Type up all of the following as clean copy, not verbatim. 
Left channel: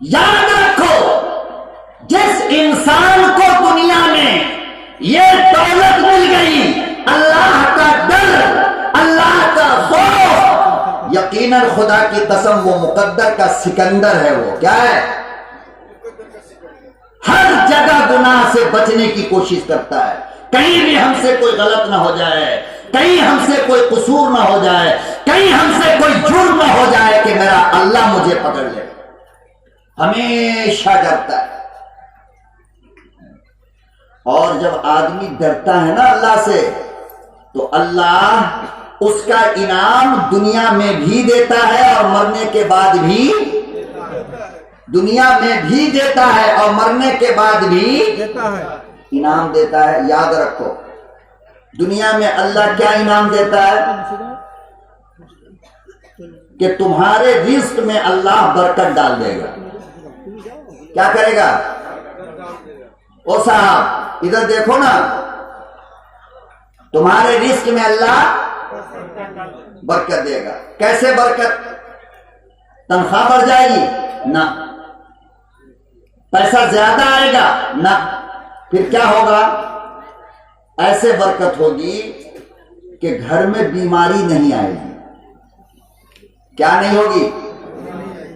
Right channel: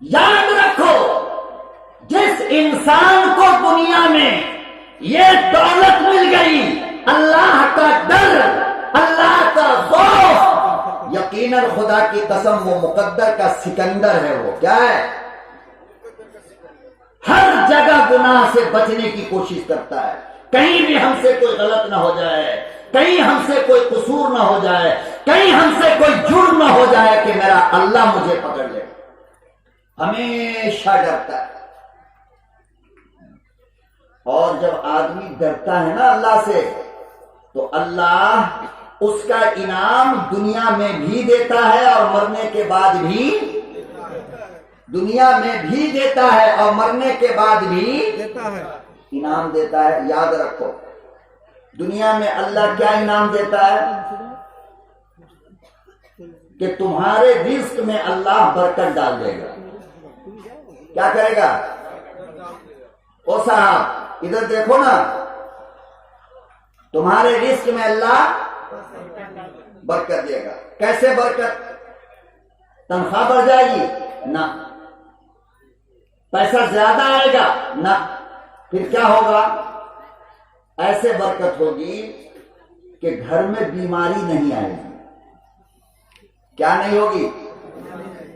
याद रखो, जिस इंसान को दुनिया में ये दौलत मिल गई, अल्लाह का डर, अल्लाह का खौफ, यकीनन खुदा की कसम वो मुकद्दर का सिकंदर है। वो क्या है? हर जगह गुनाह से बचने की कोशिश करता है, कहीं भी हमसे कोई गलत ना हो जाए, कहीं हमसे कोई कसूर ना हो जाए, कहीं हमसे कोई जुर्म ना हो जाए कि मेरा अल्लाह मुझे पकड़ ले। हमेशा डरता है। और जब आदमी डरता है ना अल्लाह से, तो अल्लाह उसका इनाम दुनिया में भी देता है और मरने के बाद भी, दुनिया में भी देता है और मरने के बाद भी देता है, इनाम देता है। याद रखो, दुनिया में अल्लाह क्या इनाम देता है कि तुम्हारे रिस्क में अल्लाह बरकत डाल देगा। क्या करेगा? ओ साहब इधर देखो ना, तुम्हारे रिस्क में अल्लाह बरकत देगा। कैसे बरकत? तनख्वाह बढ़ जाएगी ना, पैसा ज्यादा आएगा ना, फिर क्या होगा? ऐसे बरकत होगी कि घर में बीमारी नहीं आएगी। क्या नहीं होगी?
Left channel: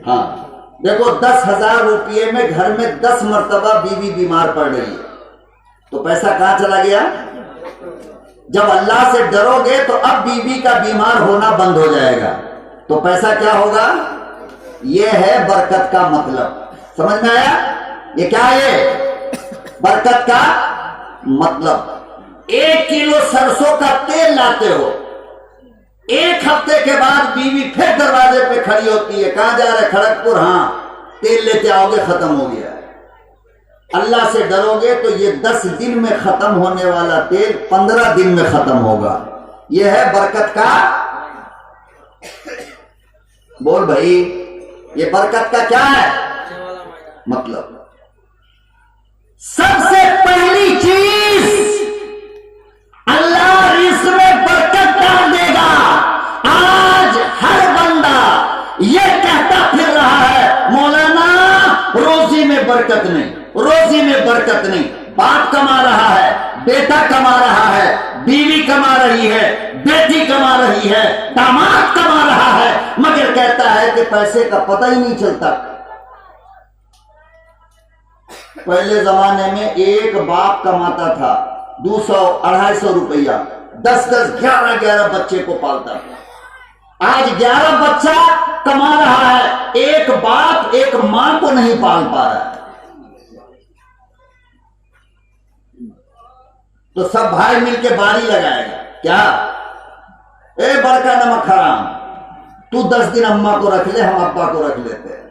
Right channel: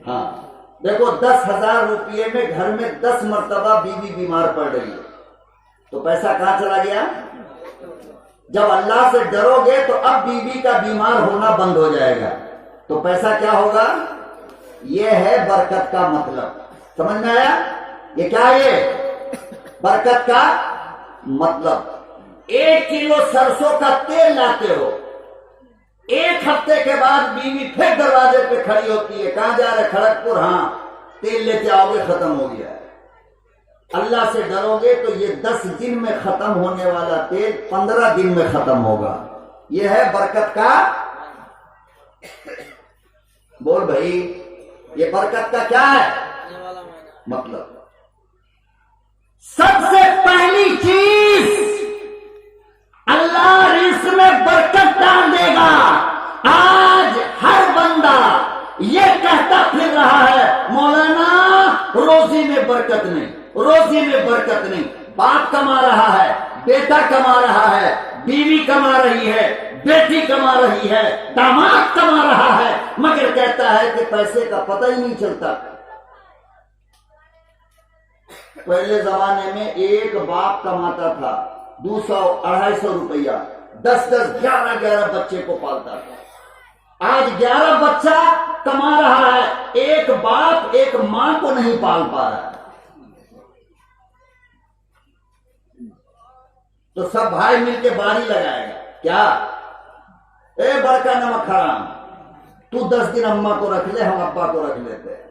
हाँ, देखो 10,000 रुपये में घर में 10 मरतबा बीवी बीमार पड़ रही है, तो पैसा कहां चला गया? जब अल्लाह से डरोगे तो अब बीवी का बीमार होना बंद हो जाएगा, तो पैसा क्या होगा? यह है बरकत का मतलब। समझ में आया? ये क्या है? बरकत का मतलब 1 किलो सरसों का तेल लाते हो, 1 हफ्ते के बाद बीवी फिर दरवाजे पे खड़ी होती है, कहां जा रहे? खड़गपुर। हाँ, तेल लेते आओगे, खत्म हो गया। अल्लाह से डरोगे तो ये 10 दिन में खत्म होने वाला तेल 15 दिन में खत्म होगा। ये है बरकत का। बोल भाई, ये बरकत का क्या है मतलब? सबसे पहली चीज, अल्लाह रिज़्क़ में बरकत डाल देगा। आज हर बंदा ये कहता फिर रहा है, मौलाना रोजी में बरकत नहीं, रोजी में बरकत नहीं। बाप कमा रहा है, बेटा कमा रहा है, बीवी कमा रही है, बेटी कमा रही है, दामाद कमा रहा है, मगर कहता है कि पैसे का पता ही नहीं चलता। पहले जमाने में एक बाप कमाता था 200-250 रुपया, 10-10, 11-11 बच्चे को पालता था। आज 11 बच्चा कमा रहा है, एक बाप एक मां को नहीं पाल पा रहा है। तो सब भाई मिलके बारी लगाएगा। क्या? ए बड़का नमक हराम, तू 10 दिन अम्मा को रख ले, हम अब्बा को रख लेते हैं।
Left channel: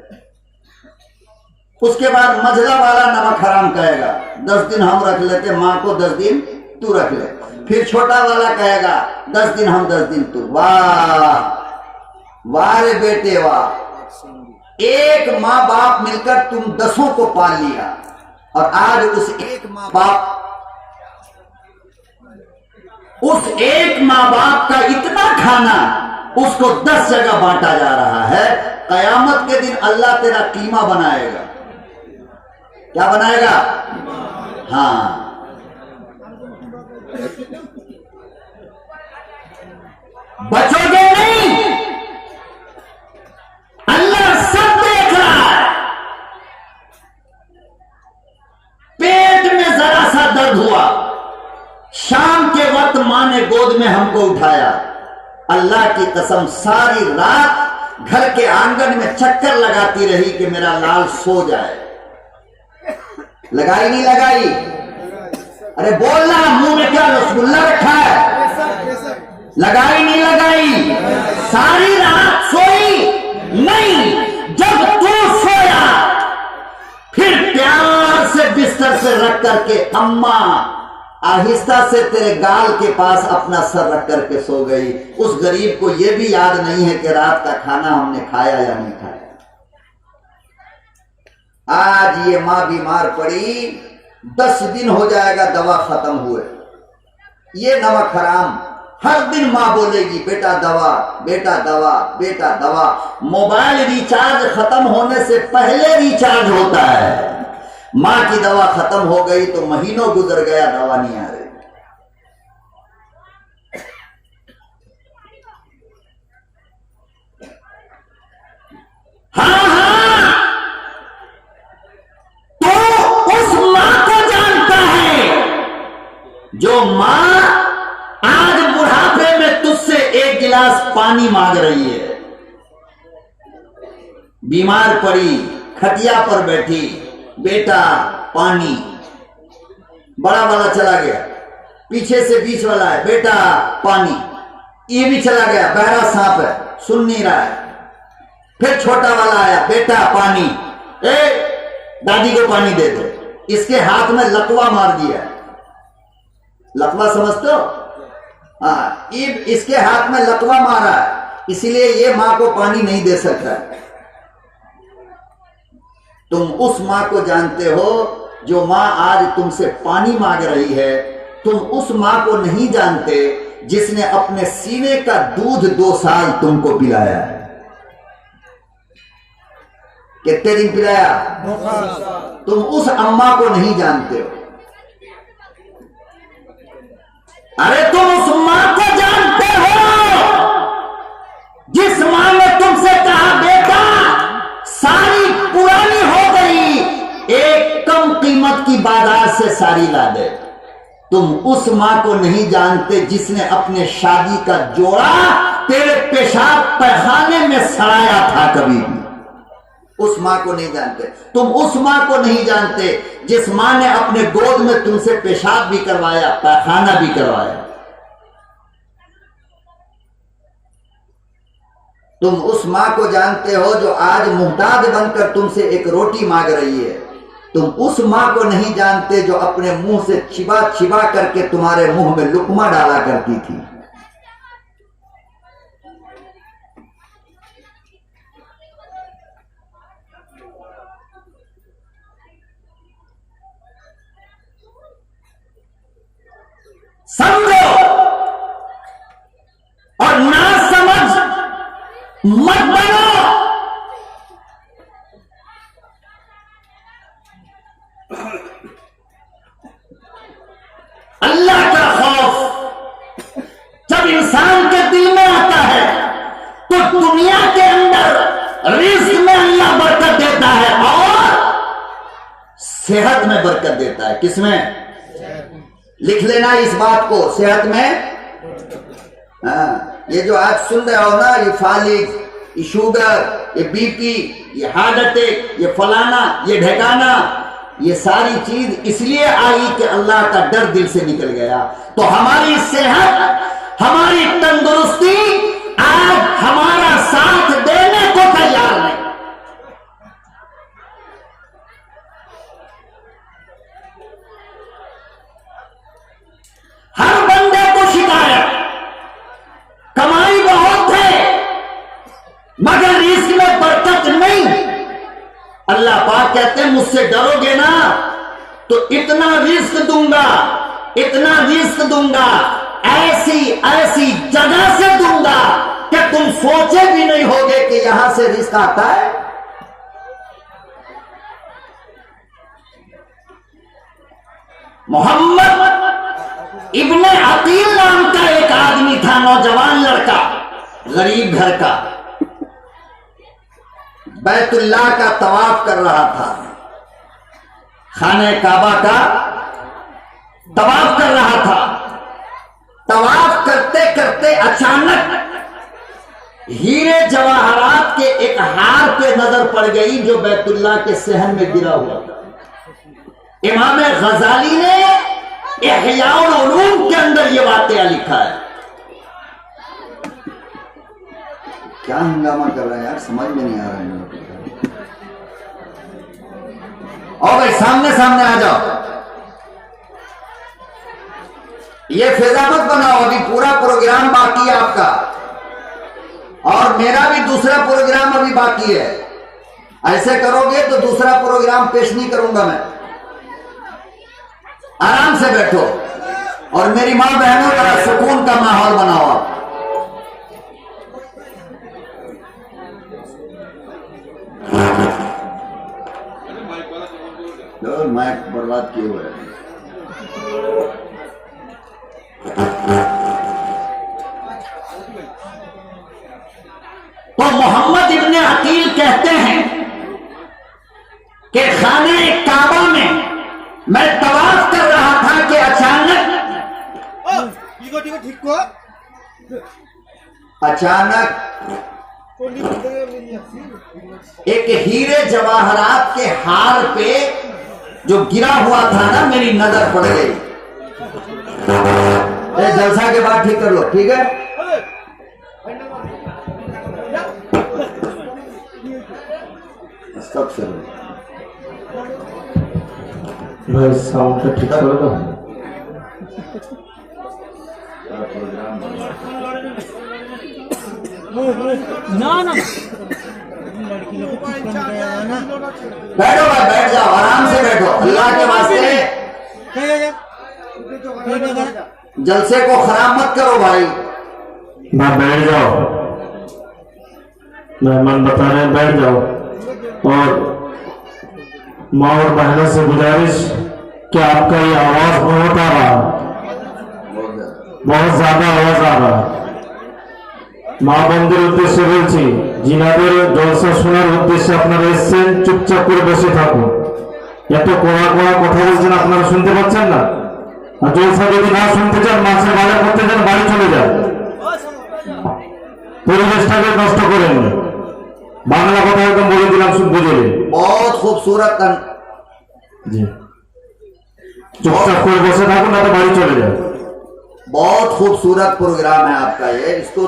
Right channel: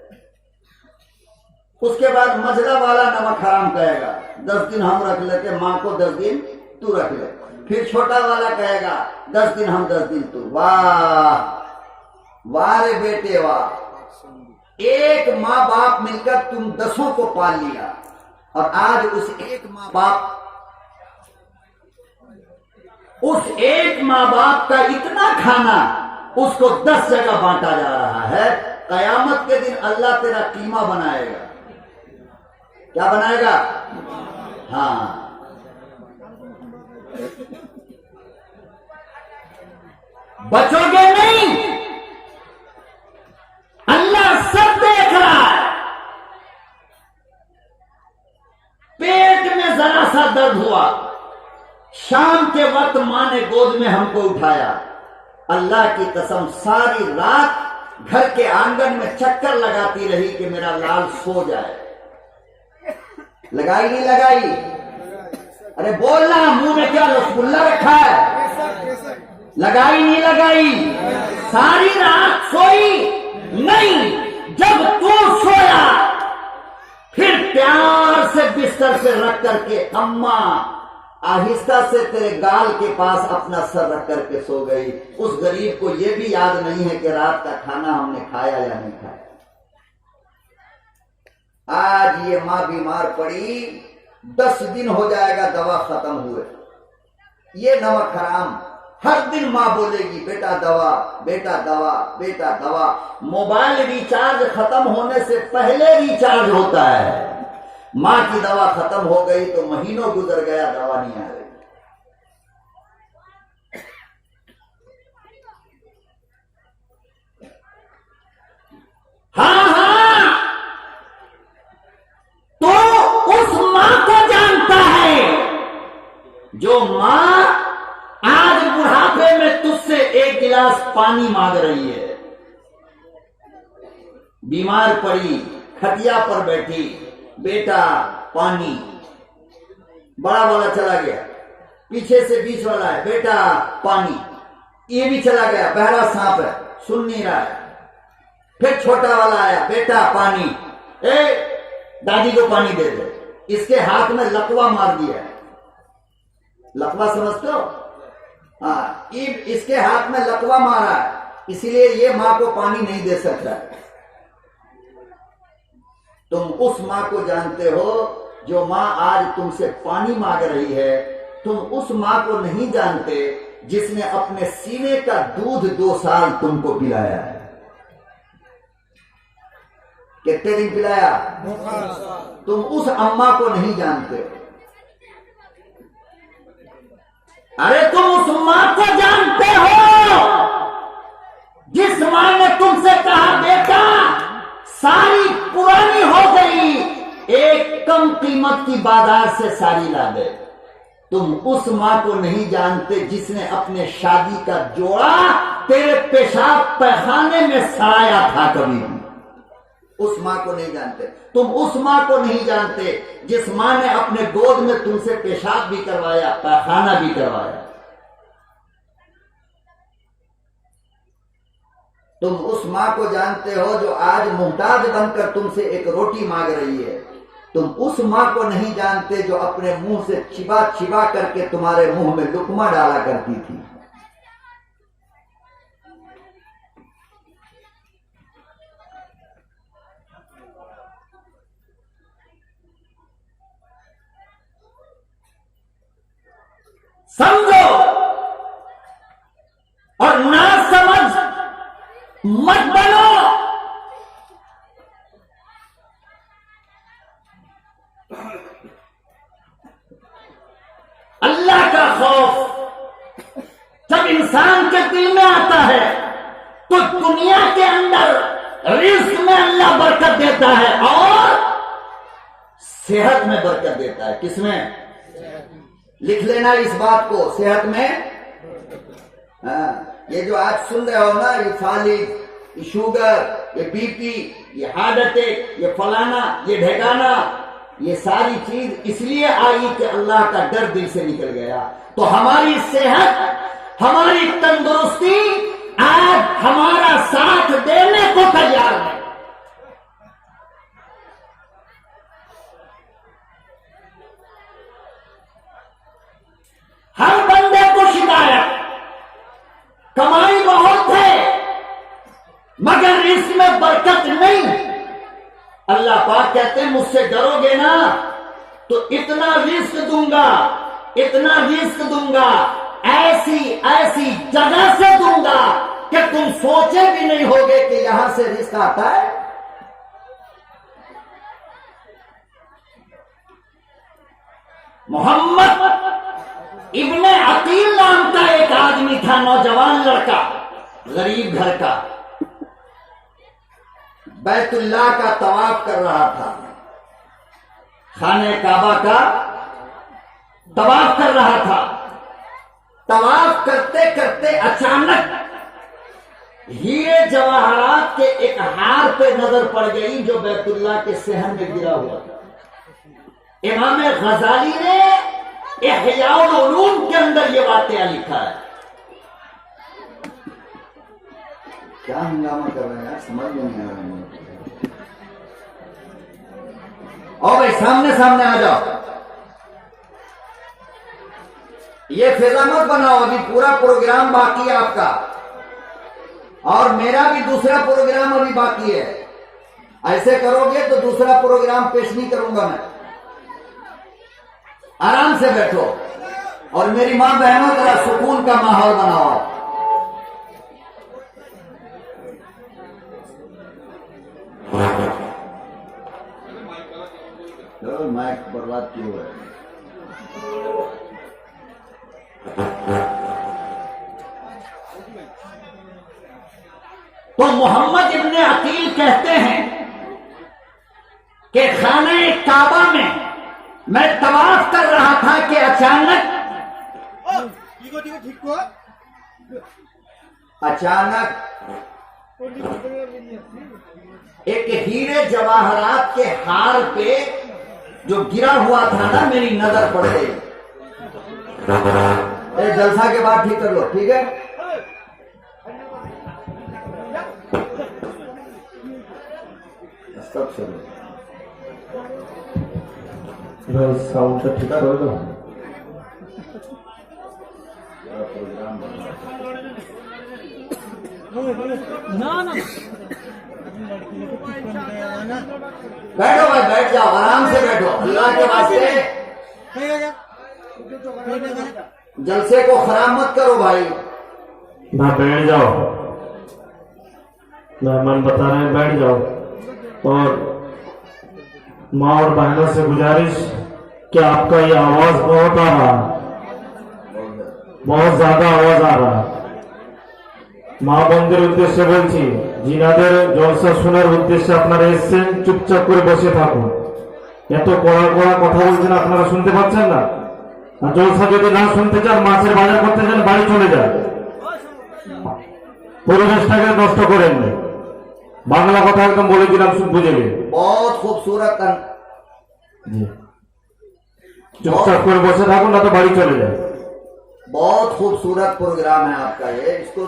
उसके बाद मझला वाला नमक हराम कहेगा, 10 दिन हम रख लेते, मां को 10 दिन तू रख ले। फिर छोटा वाला कहेगा 10 दिन हम, 10 दिन तू। वाह वाह रे बेटे वाह, एक माँ बाप मिलकर तुम 10 को पाल लिया, और आज उस एक माँ बाप का इतना खाना उसको 10 जगह बांटा जा रहा है। कयामत के दिन अल्लाह तेरा कीमा बनाएगा। क्या बनाएगा? हाँ, बचोगे नहीं, अल्लाह सब देख रहा है। पेट में जरा सा दर्द हुआ, शाम के वक्त मां ने गोद में हमको उठाया। अल्लाह की कसम सारी रात घर के आंगन में चक्कर लगाती रही कि मेरा लाल सो जाए। लगाई नहीं लगाई? अरे बोलना, मुंह में क्या रसगुल्ला रखा है? लगाई नहीं लगाई? सारी रात सोई नहीं। जब तू सोया फिर प्यार से बिस्तर से रख करके अम्मा आहिस्ता से तेरे गाल के पास अपना सर रख करके सो गई। उस गरीब को यह भी याद नहीं है कि रात का खाना हमने खाया या नहीं खाया। आज ये मां बीमार पड़ी, 10 दिन हो जाएगा दवा खत्म हुए। ये नमक हराम हर दिन माँ बोलेगी बेटा दवा, बेटा दवा, बेटा दवा। मोबाइल रिचार्ज खत्म होने से पहले रिचार्ज होता है। माँ की दवा खत्म हो गई तो महीनों गुजर गया, दवा नहीं आ रही। हाँ हाँ, तो उस माँ को जानता है जो माँ आज बुढ़ापे में तुझसे एक गिलास पानी मांग रही है। बीमार पड़ी, खटिया पर बैठी, बेटा पानी। बड़ा वाला चला गया, पीछे से बीच वाला है, बेटा पानी। ये भी चला गया, बहरा सांप है, सुन नहीं रहा है। फिर छोटा वाला आया, बेटा पानी। दादी को पानी दे दो। इसके हाथ में लकवा मार दिया। लकवा समझते हो? हाँ, इसके हाथ में लकवा मारा है, इसीलिए ये मां को पानी नहीं दे सकता। तुम उस मां को जानते हो जो मां आज तुमसे पानी मांग रही है। तुम उस मां को नहीं जानते जिसने अपने सीने का दूध 2 साल तुमको पिलाया है। कितने दिन पिलाया? 2 साल। तुम उस अम्मा को नहीं जानते हो। अरे तुम उस मां को जानते हो जिस मां ने तुमसे कहा बेटा साड़ी पुरानी हो गई, एक कम कीमत की बाजार से साड़ी ला दे। तुम उस मां को नहीं जानते जिसने अपने शादी का जोड़ा तेरे पेशाब पैखाने में सड़ाया था। कभी भी उस मां को नहीं जानते। तुम उस मां को नहीं जानते जिस मां ने अपने गोद में तुमसे पेशाब भी करवाया, पैखाना भी करवाया। तुम उस मां को जानते हो जो आज मुहताज बनकर तुमसे एक रोटी मांग रही है। तुम उस मां को नहीं जानते जो अपने मुंह से छिपा छिपा करके तुम्हारे मुंह में लुकमा डाला करती थी। समझो और ना समझ मत बनो। अल्लाह का खौफ जब इंसान के दिल में आता है तो दुनिया के अंदर रिस्क में अल्लाह बरकत देता है और सेहत में बरकत देता है। किसमें? लिख लेना इस बात को, सेहत में। हाँ, ये जो आज सुन रहे हो ना, ये फालिज, ये शुगर, ये बीपी, ये हार्ट अटैक, ये फलाना, ये ढेकाना, ये सारी चीज इसलिए आई कि अल्लाह का डर दिल से निकल गया। तो हमारी सेहत, हमारी तंदुरुस्ती आज हमारा साथ देने को तैयार नहीं। हर बंदे को शिकायत, कमाई बहुत है मगर रिस्क में बरकत नहीं। अल्लाह पाक कहते हैं मुझसे डरोगे ना तो इतना रिस्क दूंगा, इतना रिस्क दूंगा, ऐसी ऐसी जगह से दूंगा कि तुम सोचे भी नहीं होगे कि यहां से रिस्क आता है। मोहम्मद इब्ने अकील नाम का एक आदमी था, नौजवान लड़का, गरीब घर का, बैतुल्लाह का तवाफ कर रहा था, खाने काबा का तवाफ कर रहा था। तवाफ करते करते अचानक हीरे जवाहरात के एक हार पे नजर पड़ गई जो बैतुल्लाह के सहन में गिरा हुआ था। इमाम गजाली ने इहयाउल उलूम के अंदर ये वाकया लिखा है। क्या हंगामा कर रहा है यार, समझ में नहीं आ रहा है। और भाई सामने सामने आ जाओ, ये फिजा मत बनाओ, अभी पूरा प्रोग्राम बाकी है आपका और मेरा भी दूसरा प्रोग्राम अभी बाकी है। ऐसे करोगे तो दूसरा प्रोग्राम पेश नहीं करूंगा मैं। आराम से बैठो और मेरी मां बहनों जरा सुकून का माहौल बनाओ आप। माइक बर्बाद किए हुए हैं। तो मोहम्मद इब्ने अकील कहते हैं कि खाने काबा में मैं तवाफ कर रहा था कि अचानक एक हीरे जवाहरात के हार पे जो गिरा हुआ था ना, मेरी नजर पड़ गई। जलसा के बाद ठीक कर लो, ठीक है? सब से भाई साउंड का ठीक करो तो। ना ना बैठो भाई, बैठ जाओ, आराम से बैठो, अल्लाह के वास्ते जलसे को खराब मत करो भाई। ना बैठ जाओ, मेहमान बता रहे हैं बैठ जाओ। और माँ और बहनों से गुजारिश कि आपका ये आवाज बहुत आ रहा है, बहुत ज्यादा आवाज आ रहा है। মা বন্ধুর উদ্দেশ্যে বলছি, জিনাদের জলসা শোনার উদ্দেশ্যে আপনারা এসেছেন, চুপচাপ করে বসে থাকুন। এত কড়া কড়া কথা বলছেন, আপনারা শুনতে পাচ্ছেন না? আর জলসা যদি না শুনতে চান, মাছের বাজার করতে চান, বাড়ি চলে যান, পরিবেশটাকে নষ্ট করেন না। বাংলা কথা একদম বলে দিলাম, শুধু বুঝে নিন। बहुत खूबसूरत জি, চুপচাপ করে বসে থাকুন, না তো বাড়ি চলে যান। बहुत खूबसूरत प्रोग्राम है आपका ये, इसको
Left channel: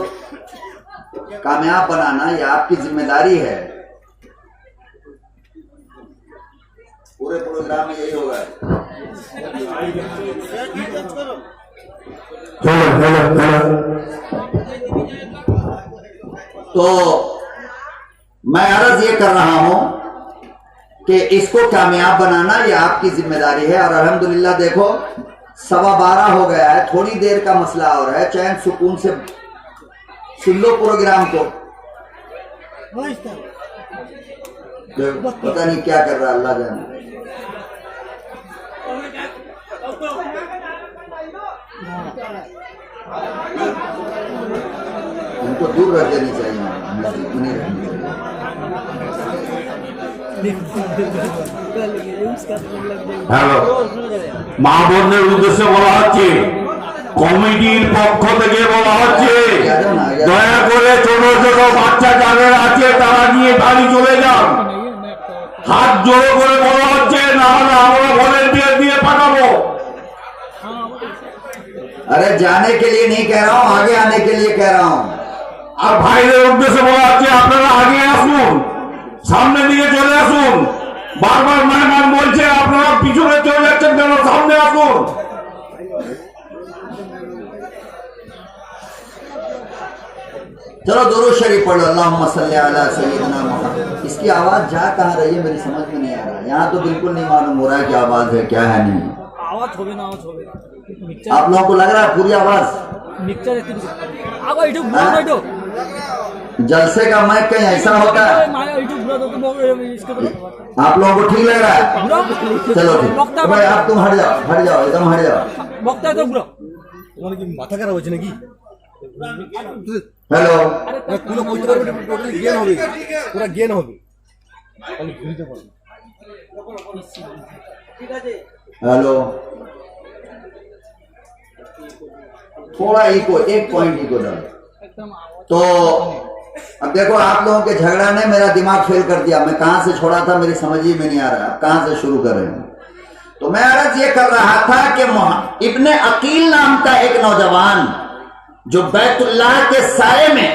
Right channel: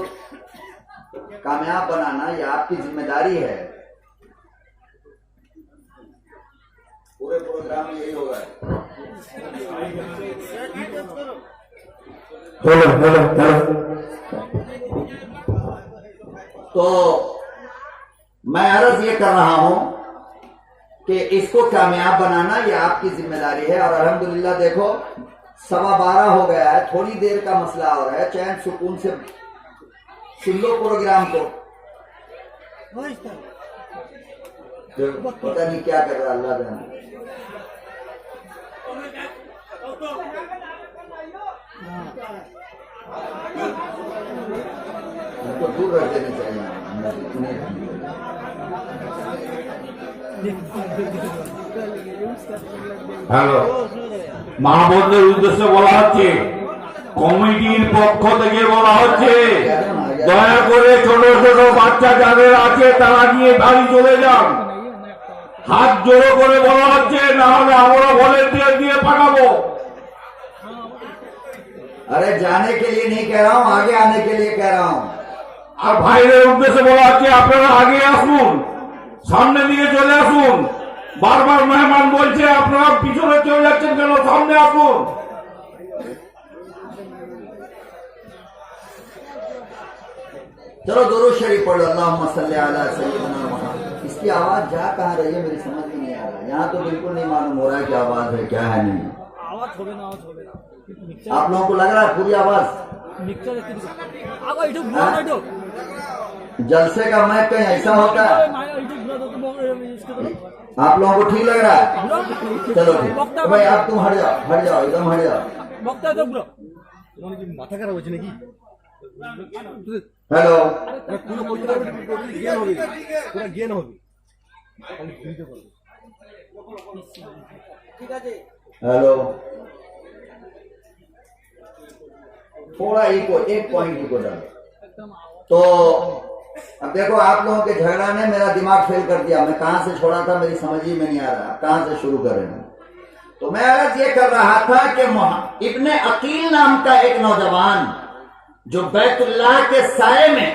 कामयाब बनाना ये आपकी जिम्मेदारी है। पूरे प्रोग्राम में यही होगा। Hello hello hello. तो मैं अर्ज ये कर रहा हूं कि इसको कामयाब बनाना ये आपकी जिम्मेदारी है। और अल्हम्दुलिल्लाह देखो 12:15 हो गया है, थोड़ी देर का मसला और है, चैन सुकून से सुन लो प्रोग्राम को। पता नहीं क्या कर रहा है, अल्लाह जाने। उनको दूर रख देनी चाहिए, नहीं रखनी चाहिए। হ্যালো, মা বোনদের উদ্দেশ্যে বলা হচ্ছে, কমিটির পক্ষ থেকে বলা হচ্ছে, দয়া করে ছোট ছোট বাচ্চা যাদের আছে তারা নিয়ে বাড়ি চলে যান। হাত জোড়ো করে বলা হচ্ছে, না হলে আমরা ভলেন্টিয়ার দিয়ে পাঠাবো। अरे जाने के लिए नहीं कह रहा हूँ, आगे आने के लिए कह रहा हूँ। আর ভাইদের উদ্দেশ্যে বলা হচ্ছে, আপনারা আগে আসুন, সামনের দিকে চলে আসুন। বারবার মেহমান বলছে আপনারা পিছনে চলে যাচ্ছেন কেন, সামনে আসুন। चलो दुरूद शरीफ पढ़ लो, अल्लाहुम्मा सल्ली अला सय्यिदिना मुहम्मद। इसकी आवाज जा कहाँ रही है, मेरी समझ में नहीं आ रहा। यहाँ तो बिल्कुल नहीं मालूम हो रहा है कि आवाज है क्या है नहीं। आवाज होबे ना, आवाज होबे ना। आप लोगों को लग रहा है पूरी आवाज? मिक्सचर आगो इटू बुरा इटू जलसे का माइक कहीं ऐसा होता है? माय इटू बुरा तो इसके तो आप लोगों को ठीक लग रहा है? चलो ठीक, तो भाई आप तुम हट जाओ, हट जाओ, एकदम हट जाओ। বক্তা তো বুড়ো তোমার কি মাথা খারাপ হয়েছে নাকি? हेलो, পুরো বলতে পারবে, টোটালি জ্ঞান হবে, পুরো জ্ঞান হবে, আমি বুঝতে পারবো। ঠিক আছে, हेलो, थोड़ा इको, एक पॉइंट इको डालो। तो अब देखो, आप लोगों के झगड़ा ने मेरा दिमाग फेल कर दिया। मैं कहां से छोड़ा था मेरी समझ ही में नहीं आ रहा, कहां से शुरू कर रहे हैं। तो मैं अर्ज ये कर रहा था कि इब्ने अकील नाम का एक नौजवान जो बैतुल्लाह के साये में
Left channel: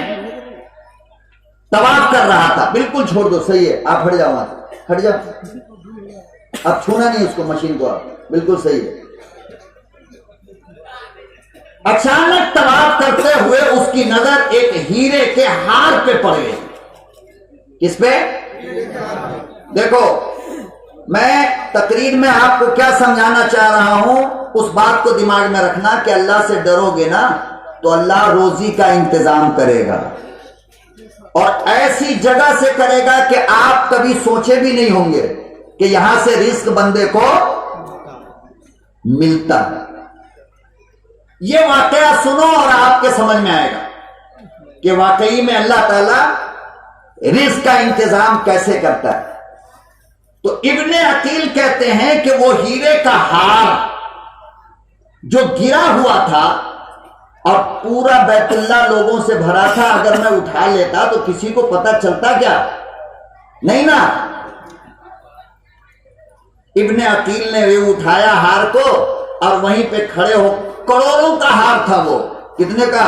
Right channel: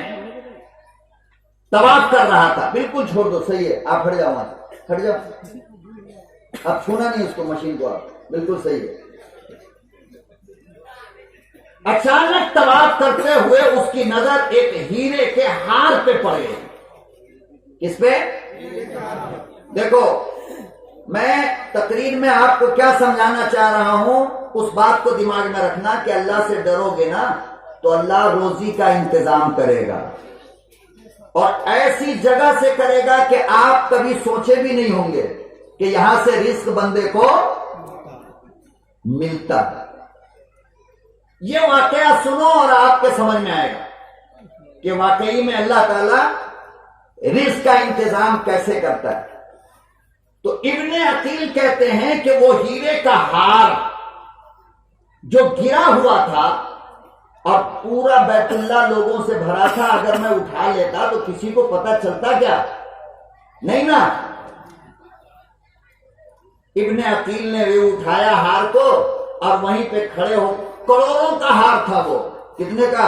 तवाफ कर रहा था, बिल्कुल छोड़ दो, सही है, आप हट जाओ, वहां से हट जाओ, अब छूना नहीं उसको, मशीन को, आप बिल्कुल सही है। अचानक तवाफ करते हुए उसकी नजर एक हीरे के हार पे पड़ गई। किस पे? देखो, मैं तकरीर में आपको क्या समझाना चाह रहा हूं, उस बात को दिमाग में रखना कि अल्लाह से डरोगे ना तो अल्लाह रोजी का इंतजाम करेगा, और ऐसी जगह से करेगा कि आप कभी सोचे भी नहीं होंगे कि यहां से रिस्क बंदे को मिलता है। ये वाकया सुनो और आपके समझ में आएगा कि वाकई में अल्लाह ताला रिस्क का इंतजाम कैसे करता है। तो इब्ने अकील कहते हैं कि वो हीरे का हार जो गिरा हुआ था और पूरा बैतुल्ला लोगों से भरा था, अगर मैं उठा लेता तो किसी को पता चलता क्या? नहीं ना। इब्ने अकील ने ये उठाया हार को और वहीं पे खड़े हो, करोड़ों का हार था वो, कितने का?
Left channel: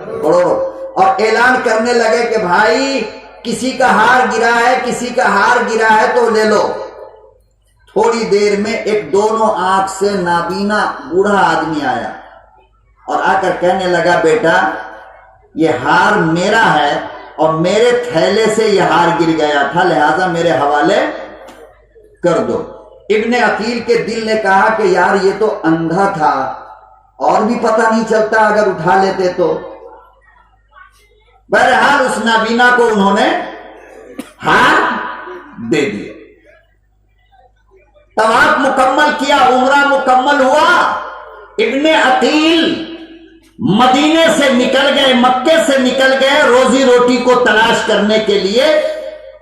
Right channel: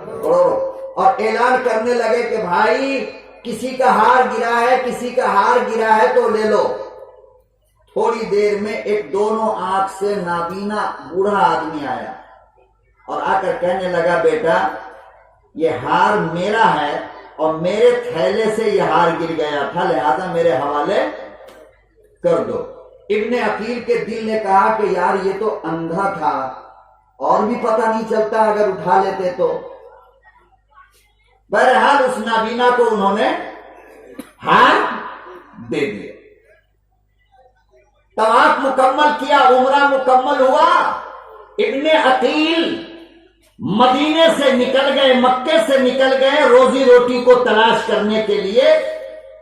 करोड़ों, और ऐलान करने लगे कि भाई किसी का हार गिरा है, किसी का हार गिरा है तो ले लो। थोड़ी देर में एक दोनों आंख से नाबीना बूढ़ा आदमी आया और आकर कहने लगा, बेटा ये हार मेरा है और मेरे थैले से ये हार गिर गया था, लिहाजा मेरे हवाले कर दो। इब्ने अकील के दिल ने कहा कि यार ये तो अंधा था और भी पता नहीं चलता अगर उठा लेते तो। बहरहाल उस नाबीना को उन्होंने हार दे दिया। तवाफ मुकम्मल किया, उम्रा मुकम्मल हुआ। इब्ने अकील मदीने से निकल गए, मक्के से निकल गए रोजी रोटी को तलाश करने के लिए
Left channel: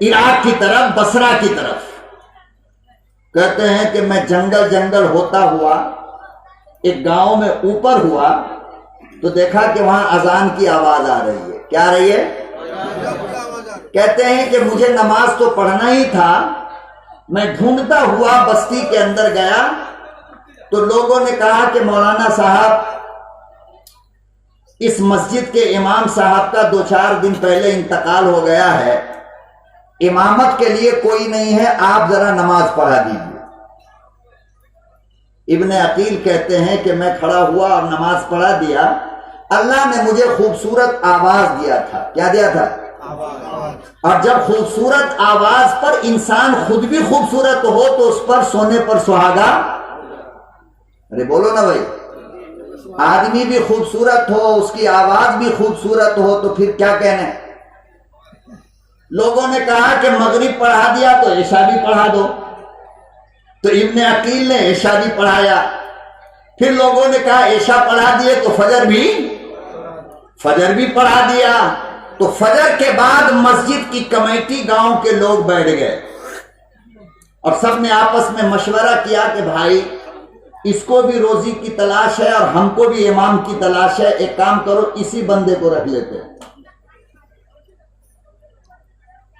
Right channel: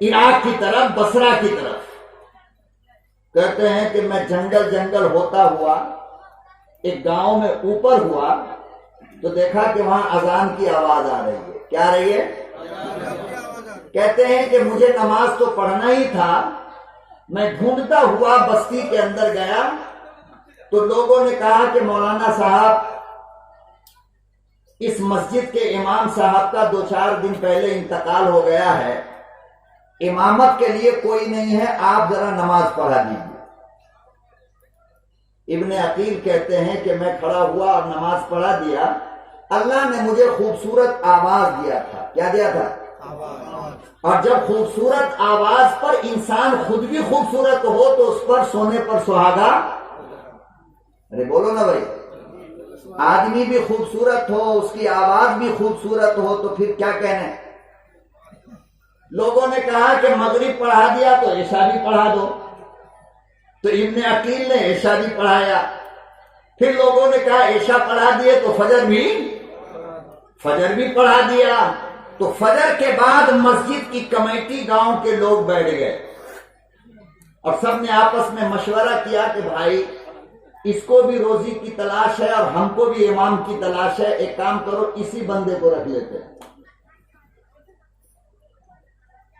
इराक की तरफ, बसरा की तरफ। कहते हैं कि मैं जंगल जंगल होता हुआ एक गांव में ऊपर हुआ तो देखा कि वहां अजान की आवाज आ रही है। क्या आ रही है? कहते हैं कि मुझे नमाज तो पढ़ना ही था, मैं ढूंढता हुआ बस्ती के अंदर गया तो लोगों ने कहा कि मौलाना साहब इस मस्जिद के इमाम साहब का 2-4 दिन पहले इंतकाल हो गया है, इमामत के लिए कोई नहीं है, आप जरा नमाज पढ़ा दीजिए। इब्ने अकील कहते हैं कि मैं खड़ा हुआ और नमाज पढ़ा दिया। अल्लाह ने मुझे खूबसूरत आवाज दिया था। क्या दिया था? आवाज। और जब खूबसूरत आवाज पर इंसान खुद भी खूबसूरत हो तो उस पर सोने पर सुहागा। अरे बोलो ना भाई, आदमी भी खूबसूरत हो, उसकी आवाज भी खूबसूरत हो तो फिर क्या कहने। लोगों ने कहा कि मगरिब पढ़ा दिया तो ईशा भी पढ़ा दो, तो इब्ने अकील ने ईशा भी पढ़ाया। फिर लोगों ने कहा ईशा पढ़ा दिए तो फजर भी पढ़ा दिया। तो फजर के बाद मस्जिद की कमेटी गांव के लोग बैठ गए और सब ने आपस में मशवरा किया कि भाई इसको भी रोजी की तलाश है और हमको भी इमाम की तलाश है, एक काम करो इसी बंदे को रख लेते हैं।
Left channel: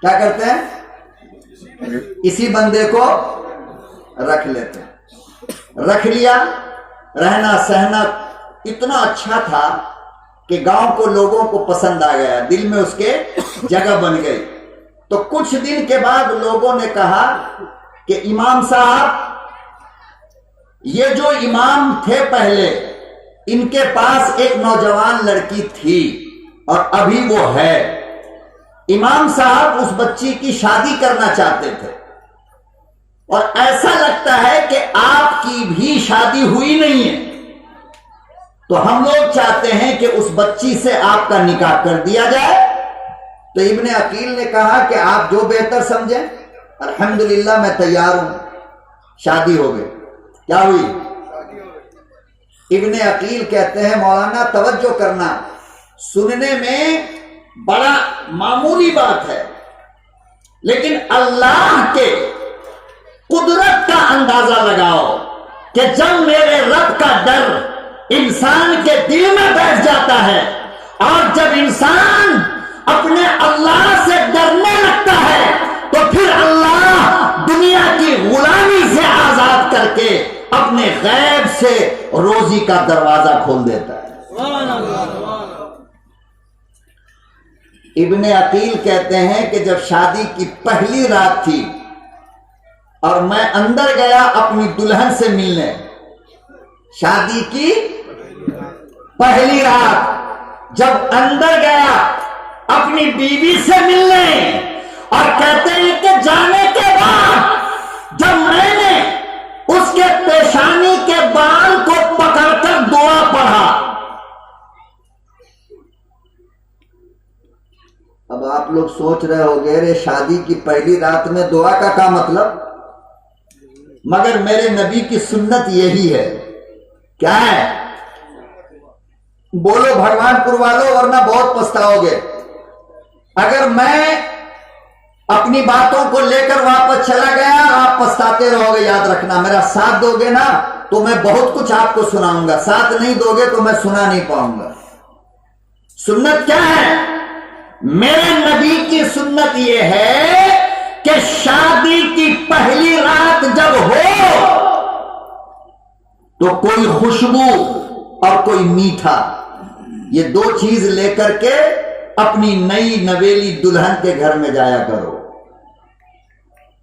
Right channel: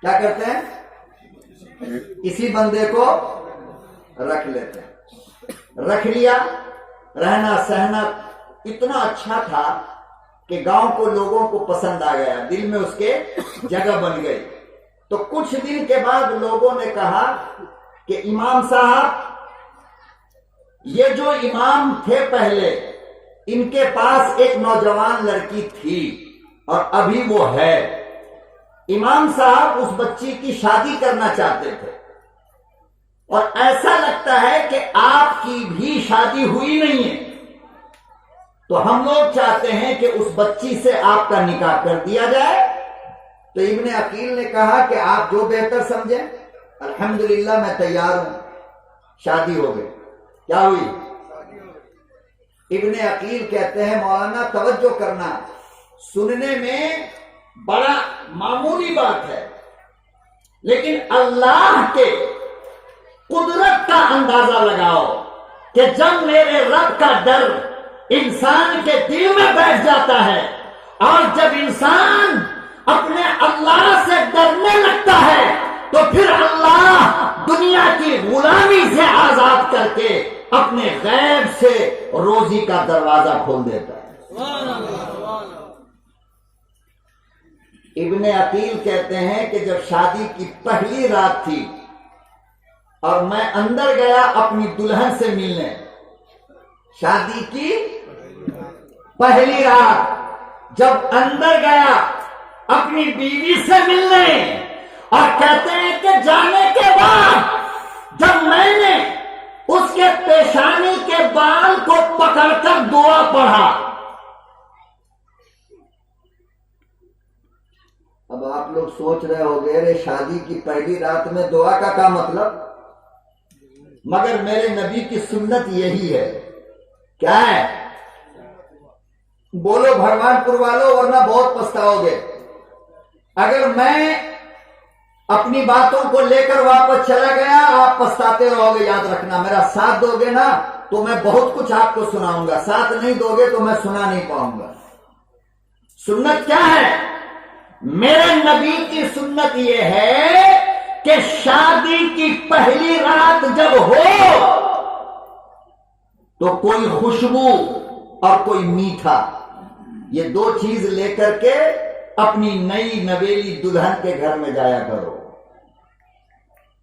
क्या करते हैं? इसी बंदे को रख लेते हैं। रख लिया। रहना सहना इतना अच्छा था कि गांव को लोगों को पसंद आ गया, दिल में उसके जगह बन गई। तो कुछ दिन के बाद लोगों ने कहा कि इमाम साहब, ये जो इमाम थे पहले, इनके पास एक नौजवान लड़की थी और अभी वो है। इमाम साहब उस बच्ची की शादी करना चाहते थे और ऐसा लगता है कि आपकी भी शादी हुई नहीं है, तो हम लोग चाहते हैं कि उस बच्ची से आपका निकाह कर दिया जाए। तो इब्ने अकील ने कहा कि आप जो बेहतर समझें। अल्हम्दुलिल्लाह मैं तैयार हूं। शादी हो गई। क्या हुई? इब्ने अकील कहते हैं मौलाना तवज्जो करना, सुनने में बड़ा मामूली बात है, लेकिन अल्लाह के कुदरत का अंदाजा लगाओ कि जब मेरे रब का डर इंसान के दिल में बैठ जाता है और जब इंसान अपने अल्लाह से डरने लगता है तो फिर अल्लाह दुनिया की गुलामी से आजाद करके अपने गैब से रोजी का दरवाजा खोल देता है। इब्ने अकील कहते हैं कि जब शादी की पहली रात थी और मैं अंदर गया अपनी दुल्हन से मिलने, शादी की पहली रात जब अंदर गया अपनी बीवी से मिलने, और कहते हैं कि जाने के बाद जब मैं आप लोग सोच रहे होंगे रे शादी की पहली रात में दुआ का क्या मतलब, मगर मेरे नबी की सुन्नत यही है। क्या है? बोलो भगवानपुर वालों, वरना बहुत पछताओगे। अगर मैं अपनी बातों को लेकर वापस चला गया, आप पछताते रहोगे। याद रखना, मेरा साथ दोगे ना तो मैं बहुत कुछ आपको सुनाऊंगा, साथ नहीं दोगे तो मैं सुना नहीं पाऊंगा। सुन्नत क्या है? मेरे नबी की सुन्नत यह है कि शादी की पहली रात जब हो तो कोई खुशबू और कोई मीठा, ये दो चीज लेकर के अपनी नई नवेली दुल्हन के घर में जाया करो।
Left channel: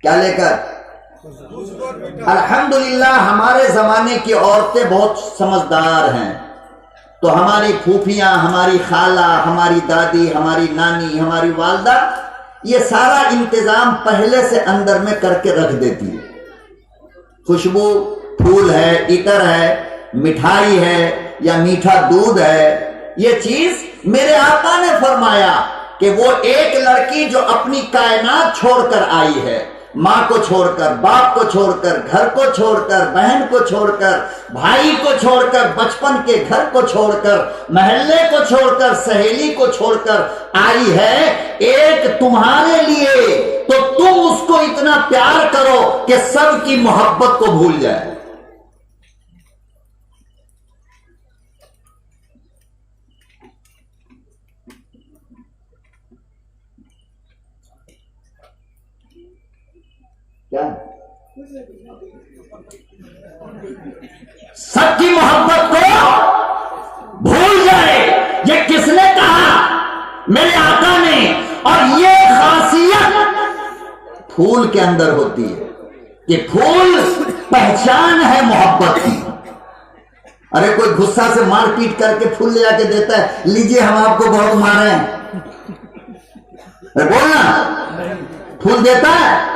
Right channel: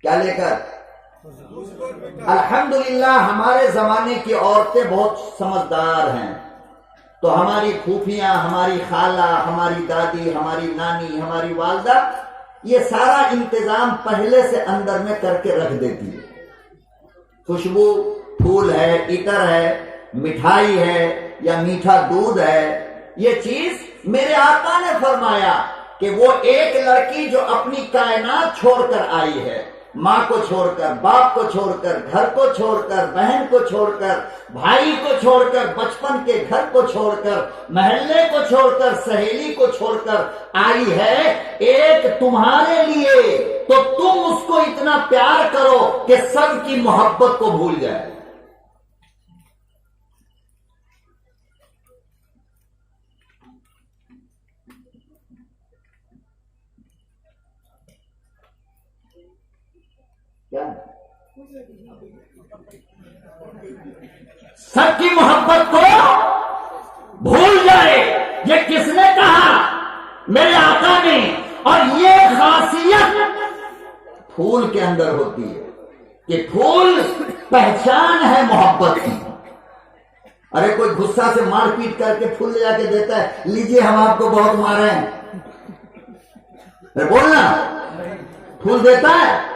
क्या लेकर? अल्हम्दुलिल्लाह हमारे जमाने की औरतें बहुत समझदार हैं, तो हमारी फूफियां, हमारी खाला, हमारी दादी, हमारी नानी, हमारी वालदा ये सारा इंतजाम पहले से अंदर में करके रख देती है। खुशबू, फूल है, इतर है, मिठाई है या मीठा दूध है। ये चीज मेरे आका ने फरमाया कि वो एक लड़की जो अपनी कायनात छोड़कर आई है, माँ को छोड़कर, बाप को छोड़कर, घर को छोड़कर, बहन को छोड़कर, भाई को छोड़कर, बचपन के घर को छोड़कर, महल्ले को छोड़कर, सहेली को छोड़कर आई है एक तुम्हारे लिए, तो तुम उसको इतना प्यार करो कि सबकी मोहब्बत को भूल जाए। क्या? सबकी मोहब्बत को भूल जाए, ये किसने कहा? मेरे आका ने। और ये खासियत फूल के अंदर होती है कि फूल पहचान है मोहब्बत की। अरे कोई गुस्सा से मारपीट करके फूल ले आके देता है, लीजिए हम आपको बहुत मारे हैं, बोलना फूल देता है।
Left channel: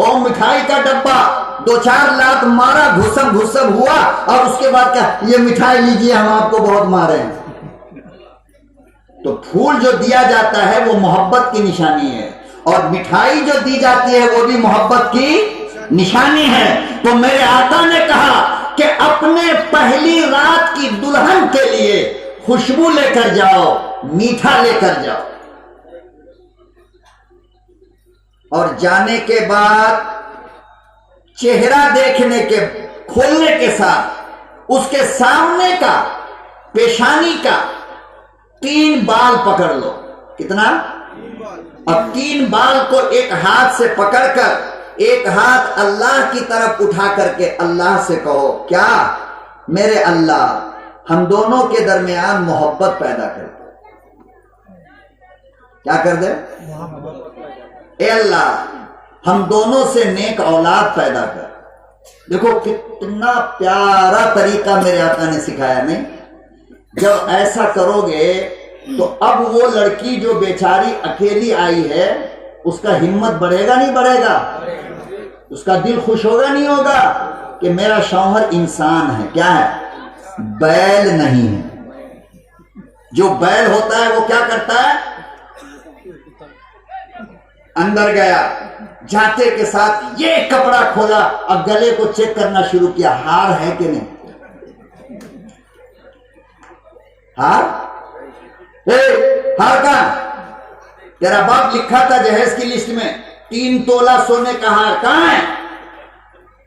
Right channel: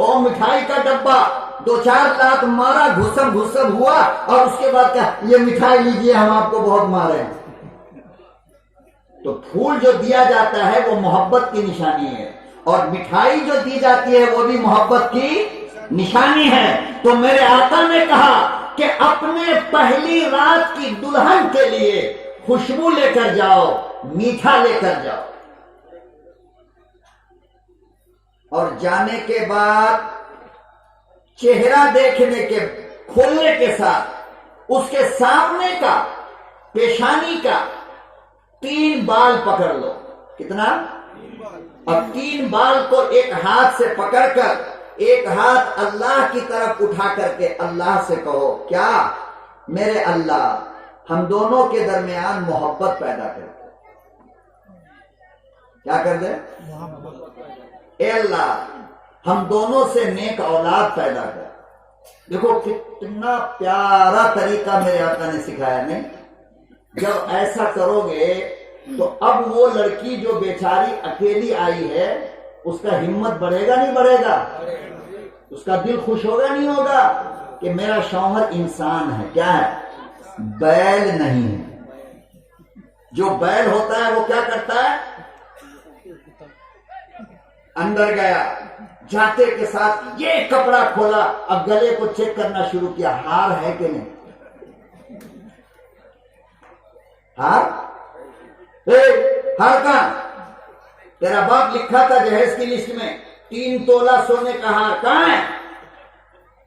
और मिठाई का डब्बा 2-4 लात मारा, घुसम घुसम हुआ, और उसके बाद क्या, ये मिठाई लीजिए हम आपको बहुत मारे हैं। तो फूल जो दिया जाता है वो मोहब्बत की निशानी है, और मिठाई जो दी जाती है वो भी मोहब्बत की निशानी है। तो मेरे आका ने कहा कि अपने पहली रात की दुल्हन के लिए खुशबू लेकर जाओ, मीठा लेकर जाओ, और जाने के बाद चेहरा देखने के खोलने के साथ उसके सामने का पेशानी का 3 बाल पकड़ लो। कितना? अब 3 बाल को एक हाथ से पकड़कर एक हाथ अल्लाह की तरफ उठा करके अल्लाह से कहो, क्या मेरे अल्लाह हम दोनों के दरमियान मोहब्बत पैदा कर दे। क्या कर दे? ए अल्लाह हम दोनों से नेक औलाद पैदा कर। देखो कितना प्यारा तरीका मेरे आका ने सिखाया। नहीं, जब ऐसा करोगे तो अब वो लड़की जो बेचारी अकेली आई है उसका हिम्मत बढ़ेगा नहीं बढ़ेगा? उसका दिल खुश होगा नहीं होगा कि मेरा शौहर इंसान है। क्या है? बैल नहीं है। जो बैल होता है वो क्या करता है? अंदर गया, जाते के साथ ये कपड़ा खोला और गले को चेक करना शुरू किया, हार है कि नहीं? हार? हार का तेरा बाप लिखा था जहेज की लिस्ट में 3 तोला सोने का हार, कहां है?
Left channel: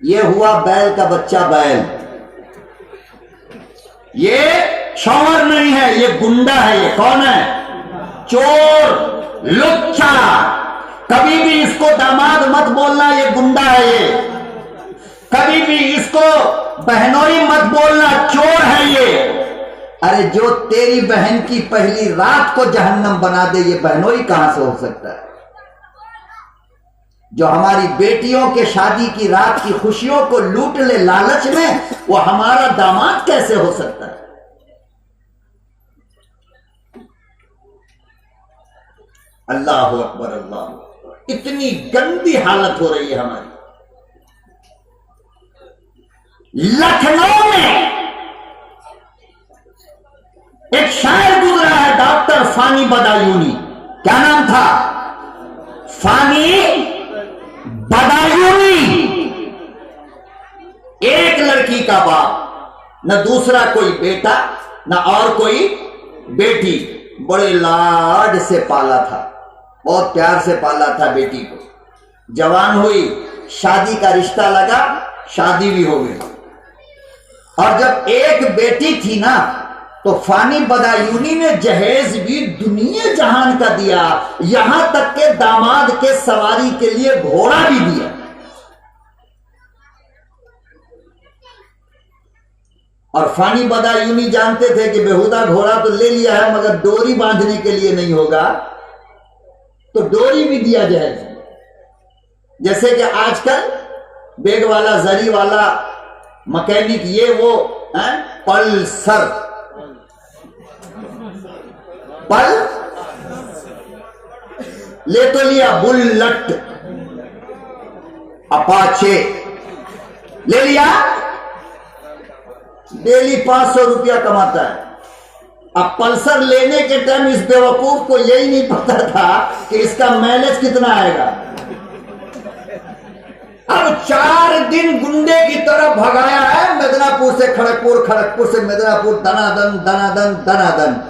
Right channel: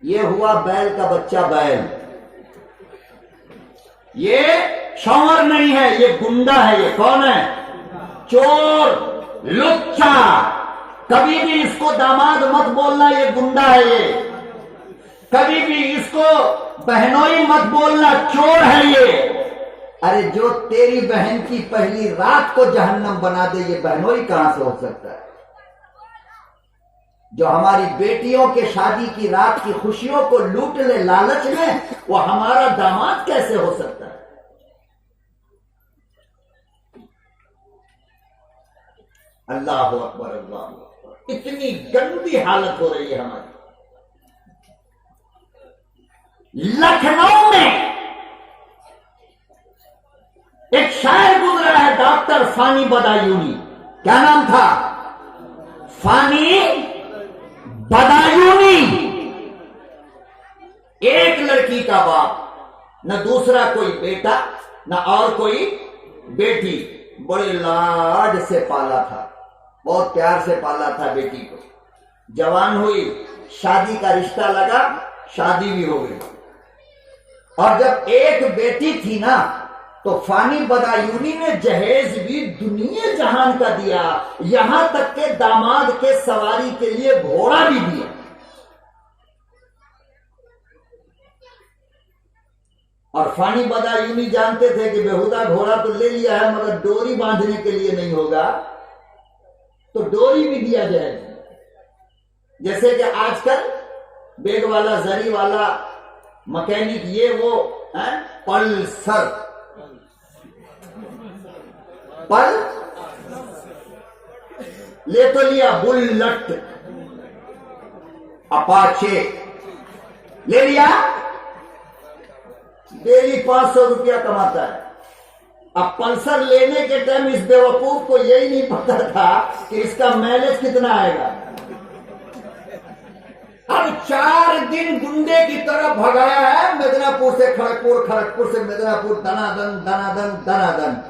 ये हुआ बैल का बच्चा। बैल ये शौहर नहीं है, ये गुंडा है। ये कौन है? चोर, लुच्चा। कभी भी इसको दामाद मत बोलना, ये गुंडा है। ये कभी भी इसको बहनोई मत बोलना, चोर है ये। अरे जो तेरी बहन की पहली रात को जहन्नम बना दे, ये बहनोई कहां से हो सकता है? जो हमारी बेटियों के शादी की रात की खुशियों को लूट ले लालच में, वो हमारा दामाद कैसे हो सकता है? अल्लाह अकबर, अल्लाह अकबर। इतनी गंदी हालत हो रही है हमारी। लखनऊ में एक शायर गुजरा है, डॉक्टर फानी बदायूनी। क्या नाम था? फानी बदायूनी। एक लड़की का बाप, न दूसरा कोई बेटा न और कोई बेटी, बड़े लाड से पाला था, बहुत प्यार से पाला था बेटी को। जवान हुई, शादी का रिश्ता लगा, शादी भी हो गई। और जब एक बेटी थी ना, तो फानी बदायूनी ने जहेज भी दुनिया जहान का दिया, यहां तक के दामाद के सवारी के लिए घोड़ा भी दिया। और फानी बदायूनी जानते थे कि बेहुदा घोड़ा तो ले लिया है, मगर डोरी बांधने के लिए नहीं होगा, तो डोरी भी दिया जाए। जैसे कि आजकल बेग वाला, जरी वाला मैकेनिक, ये वो पल्सर, पल ले तो लिया, बुलेट, अपाचे ले लिया, डेली 500 रुपया कमाता है। अब पल्सर लेने के टाइम इस बेवकूफ को यही नहीं पता था कि इसका माइलेज कितना आएगा। अब 4 दिन गुंडे की तरह भगाया है, मिदनापुर से खड़गपुर, खड़गपुर से मिदनापुर, दनादन दनादन दनादन।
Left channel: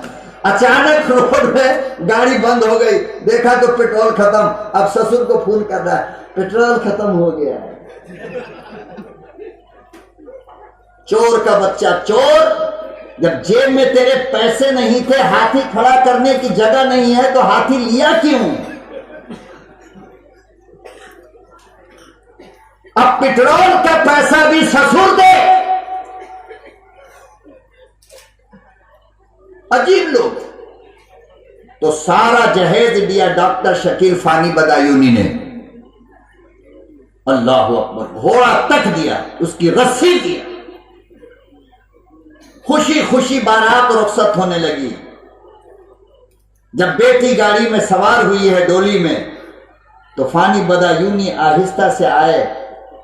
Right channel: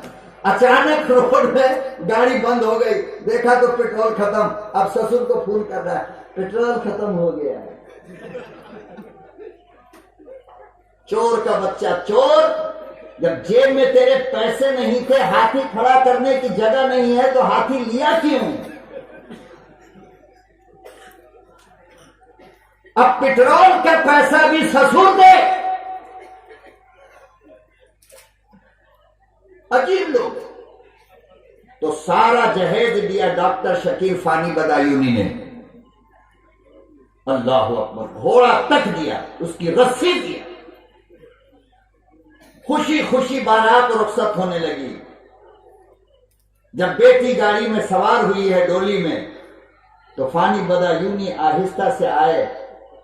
अचानक रोड में गाड़ी बंद हो गई, देखा तो पेट्रोल खत्म। अब ससुर को फोन कर रहा है, पेट्रोल खत्म हो गया है। चोर का बच्चा चोर, जब जेब में तेरे पैसे नहीं थे, हाथी खड़ा करने की जगह नहीं है, तो हाथी लिया क्यों? अब पेट्रोल का पैसा भी ससुर दे। अजीब लोग। तो सारा जहेज दिया डॉक्टर शकील फानी बदायूनी ने। अल्लाह अकबर, घोड़ा तक दिया, उसकी रस्सी दिया। खुशी खुशी बारात रुखसत होने लगी। जब बेटी गाड़ी में सवार हुई है डोली में, तो फानी बदायूनी आहिस्ता से आए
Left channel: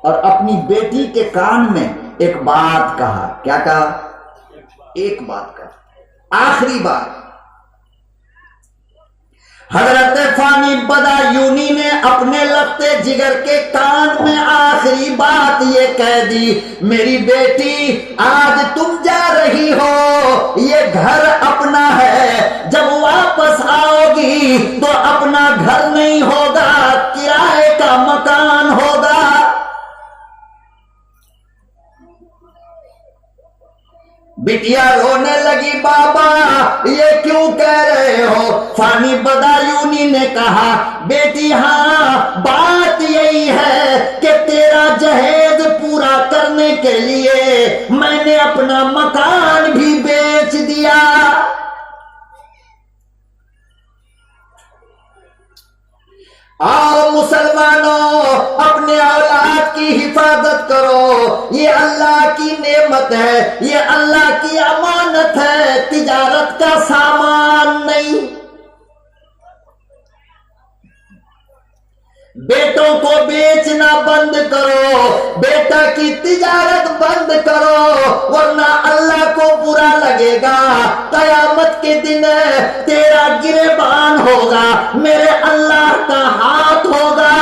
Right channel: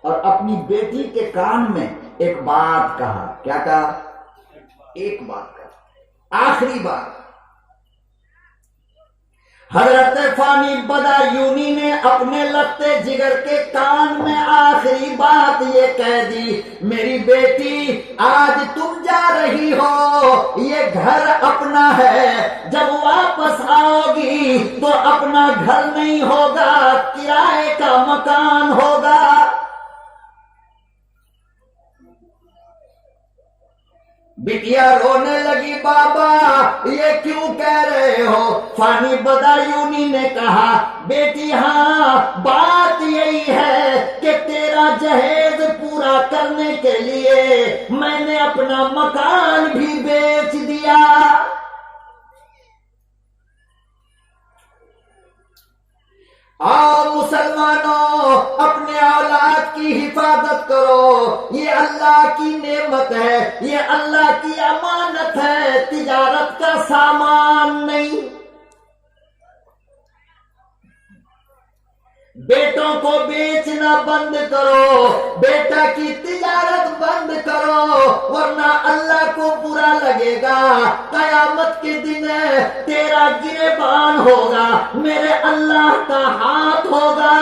और अपनी बेटी के कान में एक बात कहा। क्या कहा? एक बात कहा, आखिरी बात। हजरत फानी बदायूनी ने अपने लगते जिगर के कान में आखिरी बात ये कह दी, मेरी बेटी आज तुम जा रही हो, ये घर अपना है, जब वापस आओगी तो अपना घर नहीं होगा, किराए का मकान होगा। बिटिया रोने लगी, बाबा ये क्यों कह रहे हो? फानी बदायूनी ने कहा, बेटी हाँ, बात यही है कि तेरा जहेज पूरा करने के लिए मैंने अपना मकान भी बेच दिया। आओ मुसलमानों, अपने औलाद की हिफाजत करो, ये अल्लाह की नेमत है, ये अल्लाह की अमानत है, तिजारत का सामान नहीं। बेटों को बेचना बंद करो, बेटा की तिजारत बंद करो, वरना अल्लाह को बुरा लगेगा। कयामत के दिन तेरा गिरेबान होगा, मेरे अल्लाह का हाथ होगा।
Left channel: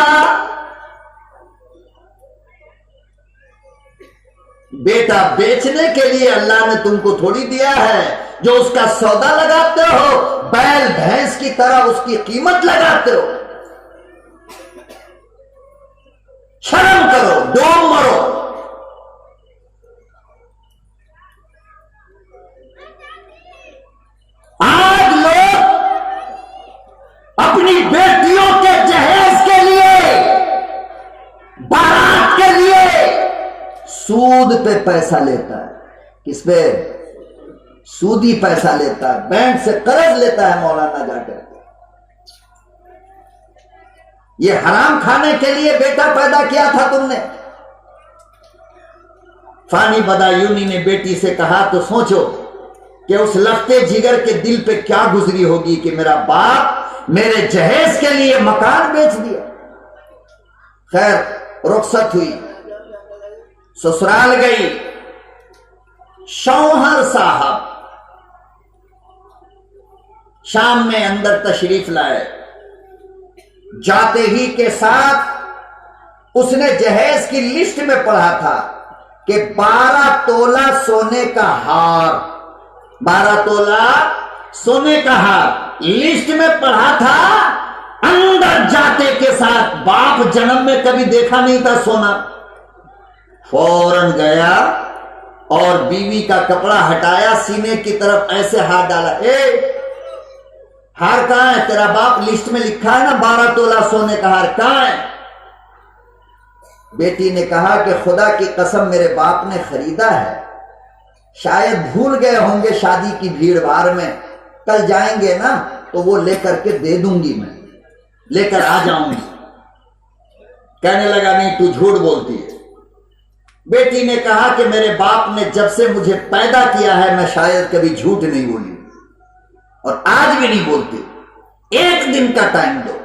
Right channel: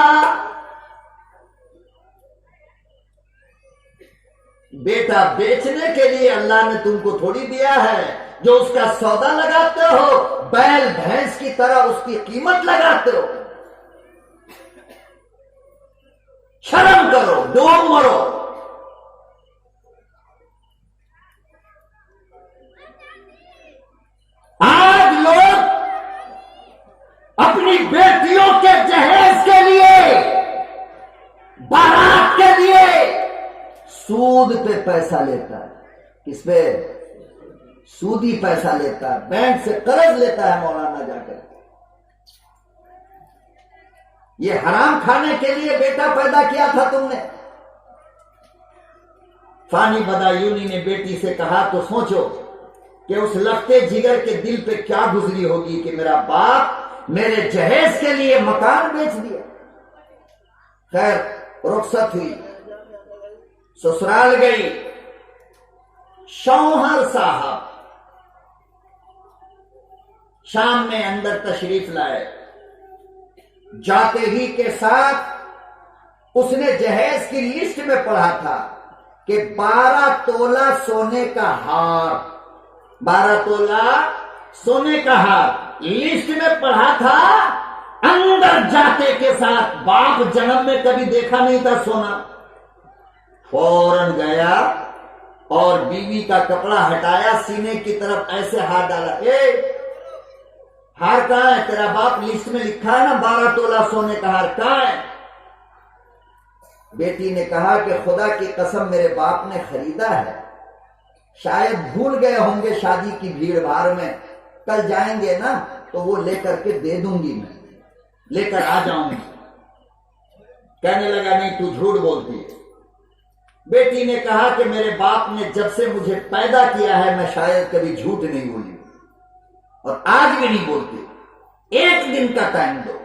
बेटा बेचने के लिए अल्लाह ने तुमको थोड़ी दिया है, जो उसका सौदा लगाते हो, बैल भैंस की तरह उसकी कीमत लगाते हो। शर्म करो, डूब मरो। आज लोग अपनी बेटियों के जहेज के लिए, बारात के लिए सूद पे पैसा लेता है। किस पे? सूदी पैसा लेता है, बैंक से कर्ज लेता है मौलाना जाकर। ये हराम खाने के लिए बेटा पैदा किया था तुमने। फानी बदायूनी ने बेटी से कहा, तो सोचो कि उस लखते जिगर के दिल पे क्या गुजरी होगी कि मेरा बाप मेरे जहेज के लिए मकान बेच दिया। खैर रुखसत हुई, ससुराल गई। शौहर साहब शाम में अंदर तशरीफ लाए। जाते ही के साथ उसने जहेज की लिस्ट में पढ़ा था कि 12 तोला सोने का हार, 12 तोला सोने का हार लिस्ट में पढ़ा था। अंदर जाते के साथ बाप जन्म में कभी देखा नहीं था सोना, फौरन गया और बीवी का कपड़ा हटाया, सीने की तरफ ऐसे हाथ डाला, ए हार कहां है? तेरा बाप लिस्ट में लिखा है ना 12 तोला सोने का हार, कहां है? बेटी ने कहा कि खुदा की कसम मेरे बाप ने खरीदा है, शायद भूल गए होंगे शादी की भीड़ भाड़ में, कल जाएंगे ना तो वो लेकर के दे दूंगी, मैं लेकर आ जाऊंगी। कहने लगा नहीं तू झूठ बोलती है। बेटी ने कहा कि मेरे बाप ने जब से मुझे पैदा किया है मैं शायद कभी झूठ नहीं बोली और आज भी नहीं बोलती, एक दिन का टाइम दो।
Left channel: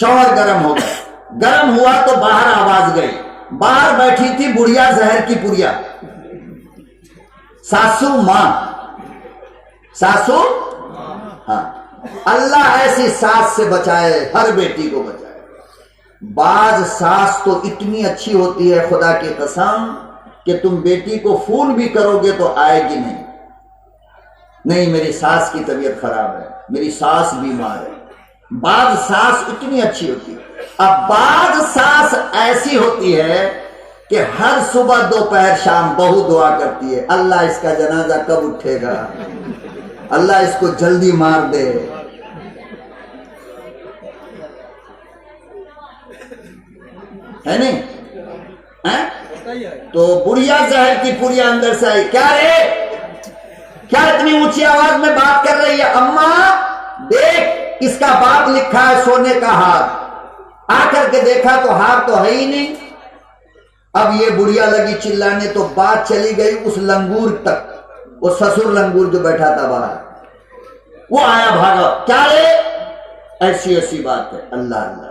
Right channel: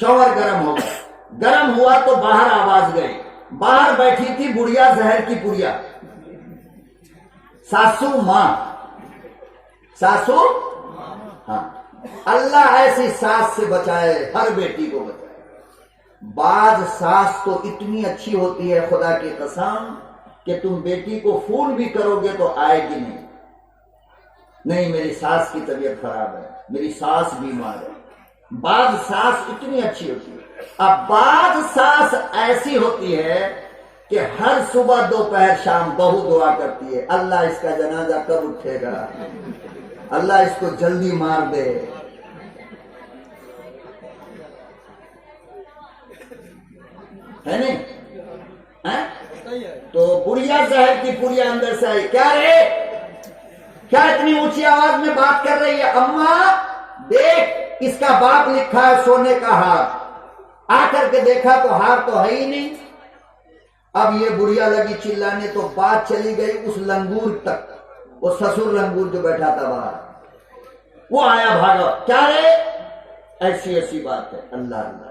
शौहर गर्म हो गया, गर्म हुआ तो बाहर आवाज गई, बाहर बैठी थी बुढ़िया जहर की पुड़िया, सासू मां, सासू हाँ, अल्लाह ऐसी सास से बचाए, हर बेटी को बचाए। बाज सास तो इतनी अच्छी होती है खुदा की कसम कि तुम बेटी को फोन भी करोगे तो आएगी नहीं, नहीं मेरी सास की तबीयत खराब है, मेरी सास बीमार है। बाज सास इतनी अच्छी होती है। अब बाज सास ऐसी होती है कि हर सुबह दोपहर शाम बहू दुआ करती है, अल्लाह इसका जनाजा कब उठेगा, अल्लाह इसको जल्दी मार दे। है नहीं है? तो बुढ़िया जहर की पुड़िया अंदर से आई, क्या रे, क्या इतनी ऊंची आवाज में बात कर रही है? अम्मा देख इसका बाप लिखा है सोने का हार, आकर के देखा तो हार तो है ही नहीं। अब ये बुढ़िया लगी चिल्लाने, तो बात चली गई उस लंगूर तक, वो ससुर लंगूर जो बैठा था बाहर, वो आया भागा, क्या रे ऐसी ऐसी बात है। अल्लाह अल्लाह,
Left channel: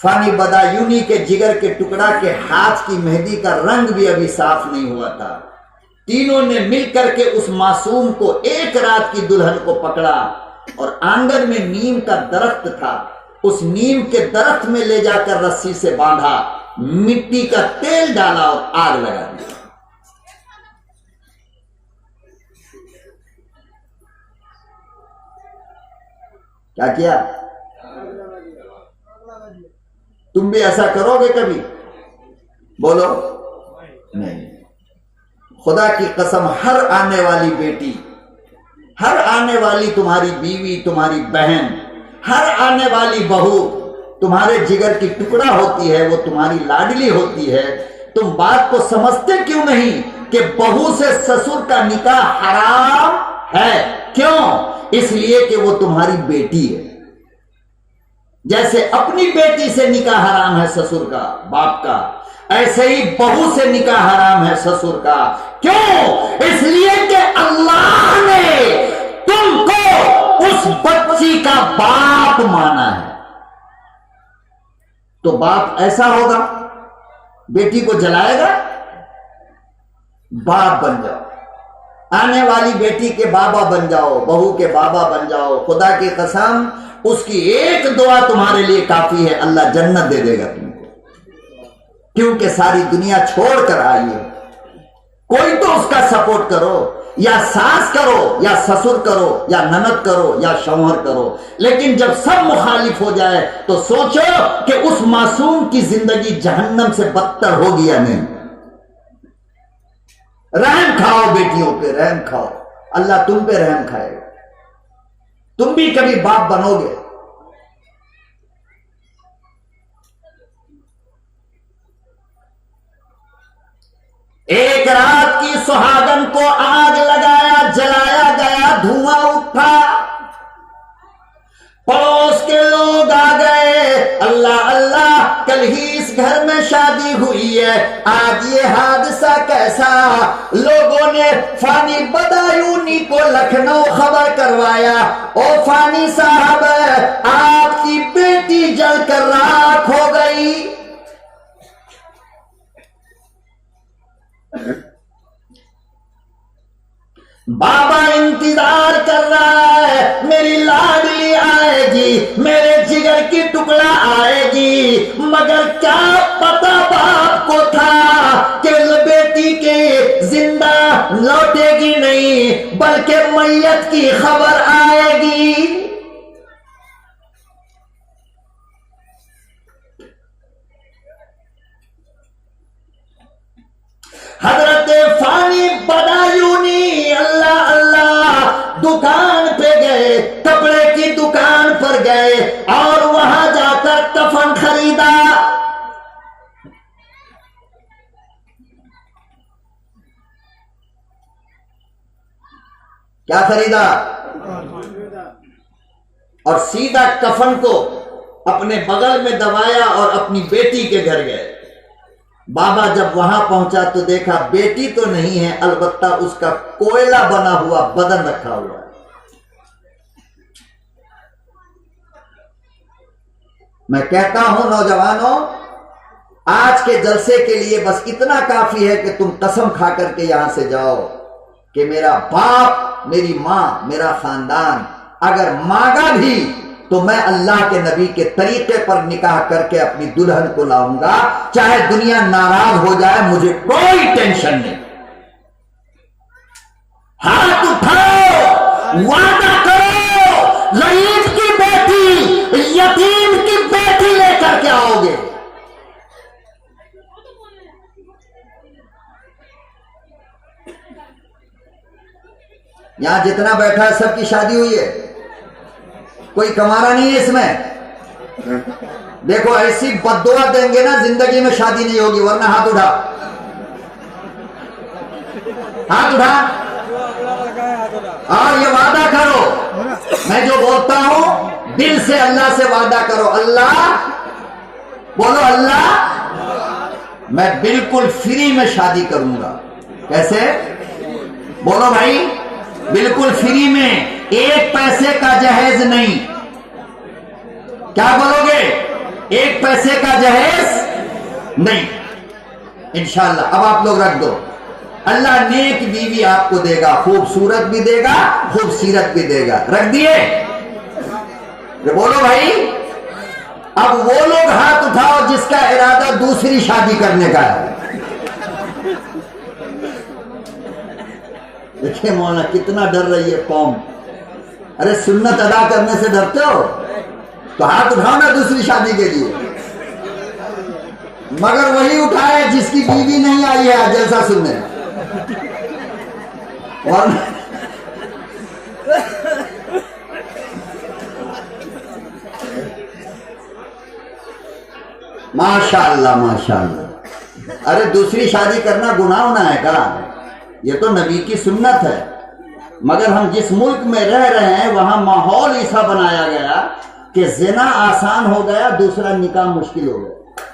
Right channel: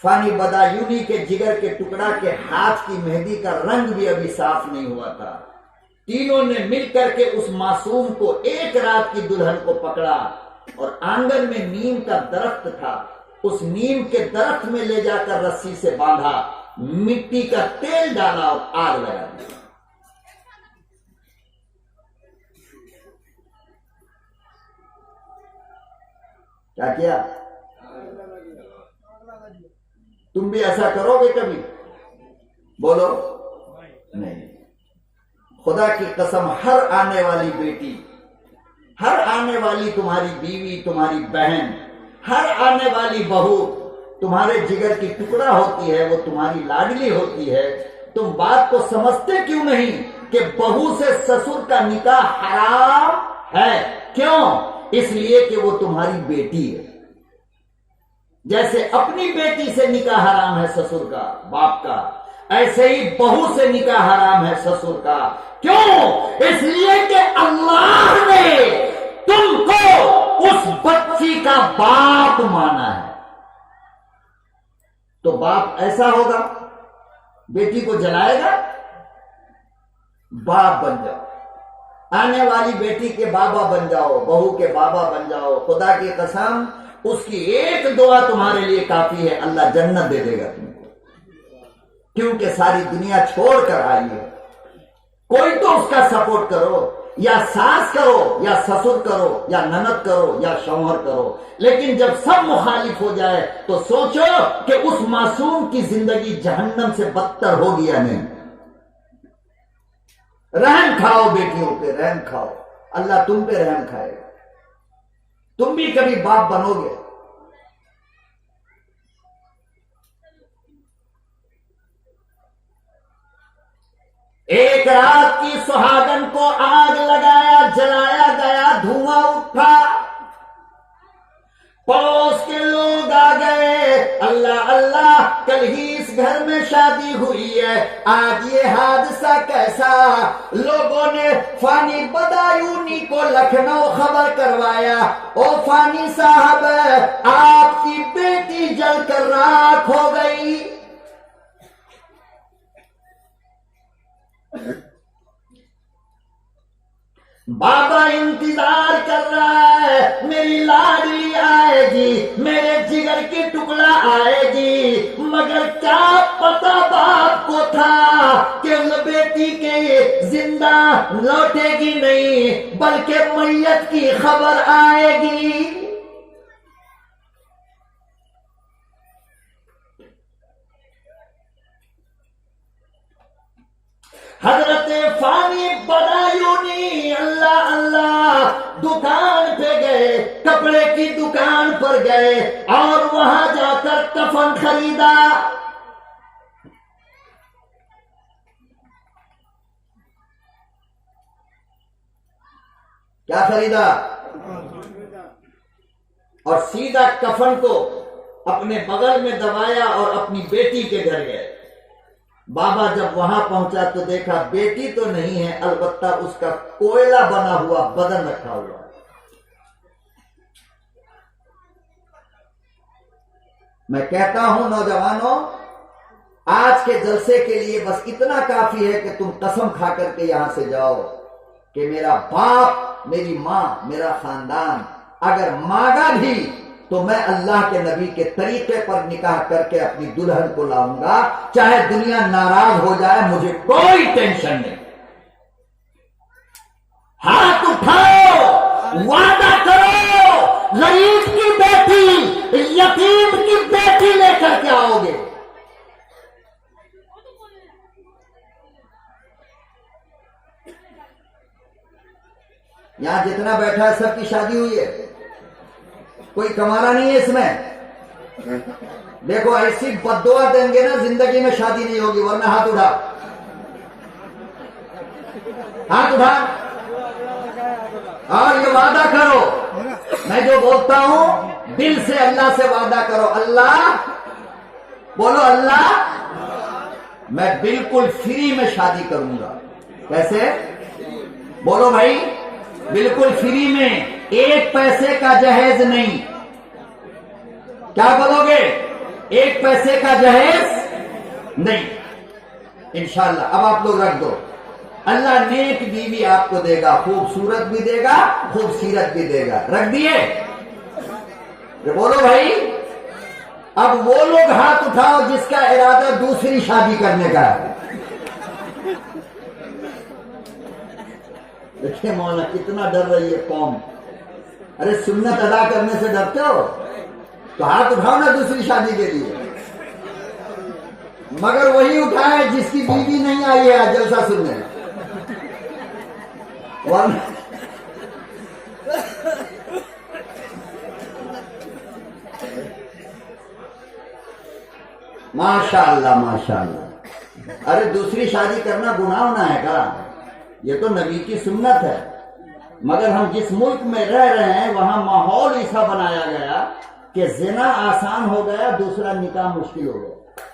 फानी बदायूनी के जिगर के टुकड़ा के हाथ की मेहंदी का रंग भी अभी साफ नहीं हुआ था। तीनों ने मिलकर के उस मासूम को एक रात की दुल्हन को पकड़ा और आंगन में नीम का दरख्त था, उस नीम के दरख्त में ले जाकर रस्सी से बांधा, मिट्टी का तेल डाला और आग लगा दी। क्या किया? तुम भी ऐसा करोगे कभी? बोलो नहीं। खुदा की कसम, हर आने वाली बेटी, हर आने वाली तुम्हारी बीवी, तुम्हारी बहन, हर आने वाली बहू तुम्हारे जिगर की टुकड़ा होती है, वो तुम्हारी लाडली होती है। तुम बात को समझते क्यों नहीं कि बहू से ससुर का निकाह हराम है? क्यों? इसलिए कि वो तुम्हारी बेटी है। जैसे अपनी बेटी से निकाह हराम है ससुर का, बाप का, ऐसे ही बहू से निकाह हराम है ससुर का। क्यों? इसलिए कि अल्लाह ने तुमको उस बच्ची का बाप माना है। तो बाप ऐसा होगा, बेटी को जलाएगा? बाप बन जाओ, आने वाली बेटी के बाबा बन जाओ, बहू के बाबा बन जाओ। खुदा की कसम, उसकी एक दुआ तुम्हारे लिए काफी है, अल्लाह जन्नत दे देगा तुमको, क्योंकि सारी दुनिया छोड़ कर आई है। कोई तो उसका सपोर्ट करो, या सास करो, या ससुर करो, या ननद करो, या शौहर करो। लेकिन जब सब मुखालिफ हो जाए तो सोचो कि उस मासूम की जिंदगी जहन्नम से बदतर होगी या नहीं। रहम खाओ बेटियों पे, रहम खाओ, अल्लाह तुम पे रहम खाएगा, तुम भी कभी बाप बनोगे। एक रात की सुहागन को आग लगाया, जलाया गया, धुआं उठा, पड़ोस के लोग आ गए, अल्लाह अल्लाह कल ही इस घर में शादी हुई है, आज ये हादसा कैसा। लोगों ने फानी बदायूनी को लखनऊ खबर करवाया, ओ फानी साहब आपकी बेटी जलकर राख हो गई। बाबा इंतजार कर रहा है, मेरी लाडली आएगी, मेरे जिगर की टुकड़ा आएगी, मगर क्या पता बाप को था कि बेटी के जिंदा लौटेगी नहीं, बल्कि मैयत की खबर आएगी। हजरत फानी बदायूनी अल्लाह अल्लाह दुकान पे गए, कपड़े की दुकान पर गए और वहां जाकर कफन खरीदा। क्या खरीदा? और सीधा कफन को अपने बगल में दबाया और अपनी बेटी के घर गए। बाबा जब वहां पहुंचा तो देखा बेटी तो नहीं है, अलबत्ता उसका कोयला बना हुआ बदन रखा हुआ है। मैं कहता हूं नौजवानों, आज के जलसे के लिए बस इतना काफी है कि तुम कसम खा करके यहां से जाओ कि मेरा बाप, मेरी मां, मेरा खानदान अगर मांगा भी तो मैं अल्लाह के नबी के तरीके पर निकाह करके अपनी दुल्हन को लाऊंगा, चाहे दुनिया नाराज हो जाए, मुझे कोई टेंशन नहीं। हाथ उठाओ, वादा करो, गरीब की बेटी, यतीम की बेटी लेकर के आओगे। यहां जितना बैठा है सबकी शादी हुई है, कोई कमाना नहीं है इसमें। देखो ऐसी बद्दुआ देंगे ना, जिंदगी में शादी नहीं होगी, वरना हाथ उठा, हाथ उठा और ये वादा करो, मैं जो बोलता हूं दिल से अल्लाह से वादा करो। अल्लाह, बोलो अल्लाह, मैं बिल्कुल फ्री में शादी करूंगा। कैसे? बोलो भाई, बिल्कुल फ्री में, एक पैसे का जहेज नहीं। क्या बोलोगे? एक पैसे का जहेज नहीं, इंशाल्लाह। अब आप लोग रख दो, अल्लाह नेक बीवी आपको देगा, खूबसूरत भी देगा, खूबसीरत भी देगा। रख दिए? बोलो भाई। अब वो लोग हाथ उठाओ जिसका इरादा दूसरी शादी करने का है। देखिए मौलाना कितना डर रही है कौम। अरे सुन्नत अदा करने से डरते हो तो हाथ उठाओ ना दूसरी शादी के लिए। मगर वही उठाए जिसकी बीवी नहीं आई है जलसा सुनने, वरना माशाअल्लाह माशाअल्लाह। अरे दूसरी शादी करना गुनाह होना है क्या? ये तो नबी की सुन्नत है। मगर हम जिस मुल्क में रह रहे हैं वहां माहौल ऐसा बनाया गया कि जिना आसान हो गया, दूसरा निकाह मुश्किल हो गया।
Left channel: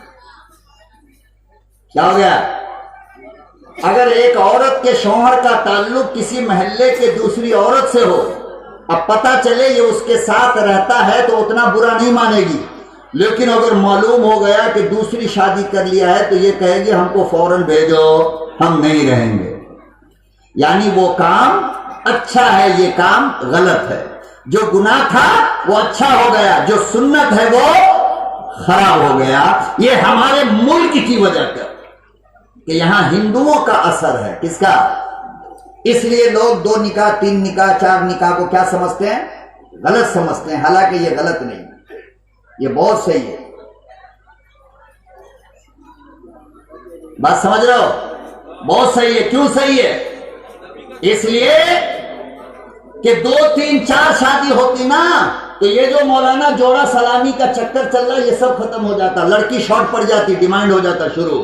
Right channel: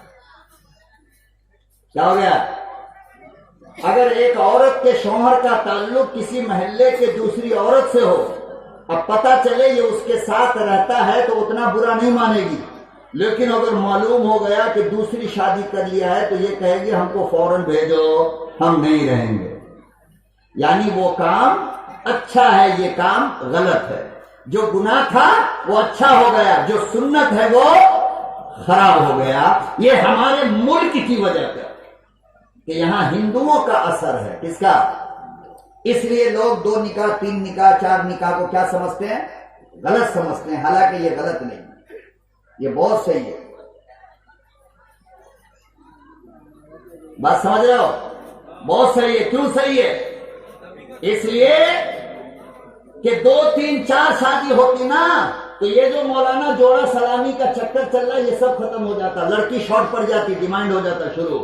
क्या हो गया? अगर एक औरत के शौहर का ताल्लुक किसी महल्ले के दूसरी औरत से हो, अब पता चले ये उसके साथ रहता है तो उतना बुरा नहीं मानेगी, लेकिन अगर मालूम हो गया कि दूसरी शादी कर लिया है तो ये कहेगी हमको फौरन भेजो, हम नहीं रहेंगे। यानी वो काम अच्छा है, ये काम गलत है। जो गुनाह था वो अच्छा हो गया, जो सुन्नत है वो खराब हो गया। ये हमारे मुल्क की वजह का कि यहां हिंदुओं का असर है। किसका? इसलिए लोग 2 निकाह 3 निकाह 4 निकाह को क्या समझते हैं? गलत समझते हैं। हालांकि ये गलत नहीं, ये बहुत सही है। बात समझ रहे हो? बहुत सही है। क्यों सही है? इसलिए कि 2 3 4 शादी होती ना तो ये जो मौलाना जोड़ा सलामी का चक्कर चल रहा है ये सब खत्म हो जाता। लड़की शॉर्ट पड़ जाती, डिमांड हो जाता शुरू।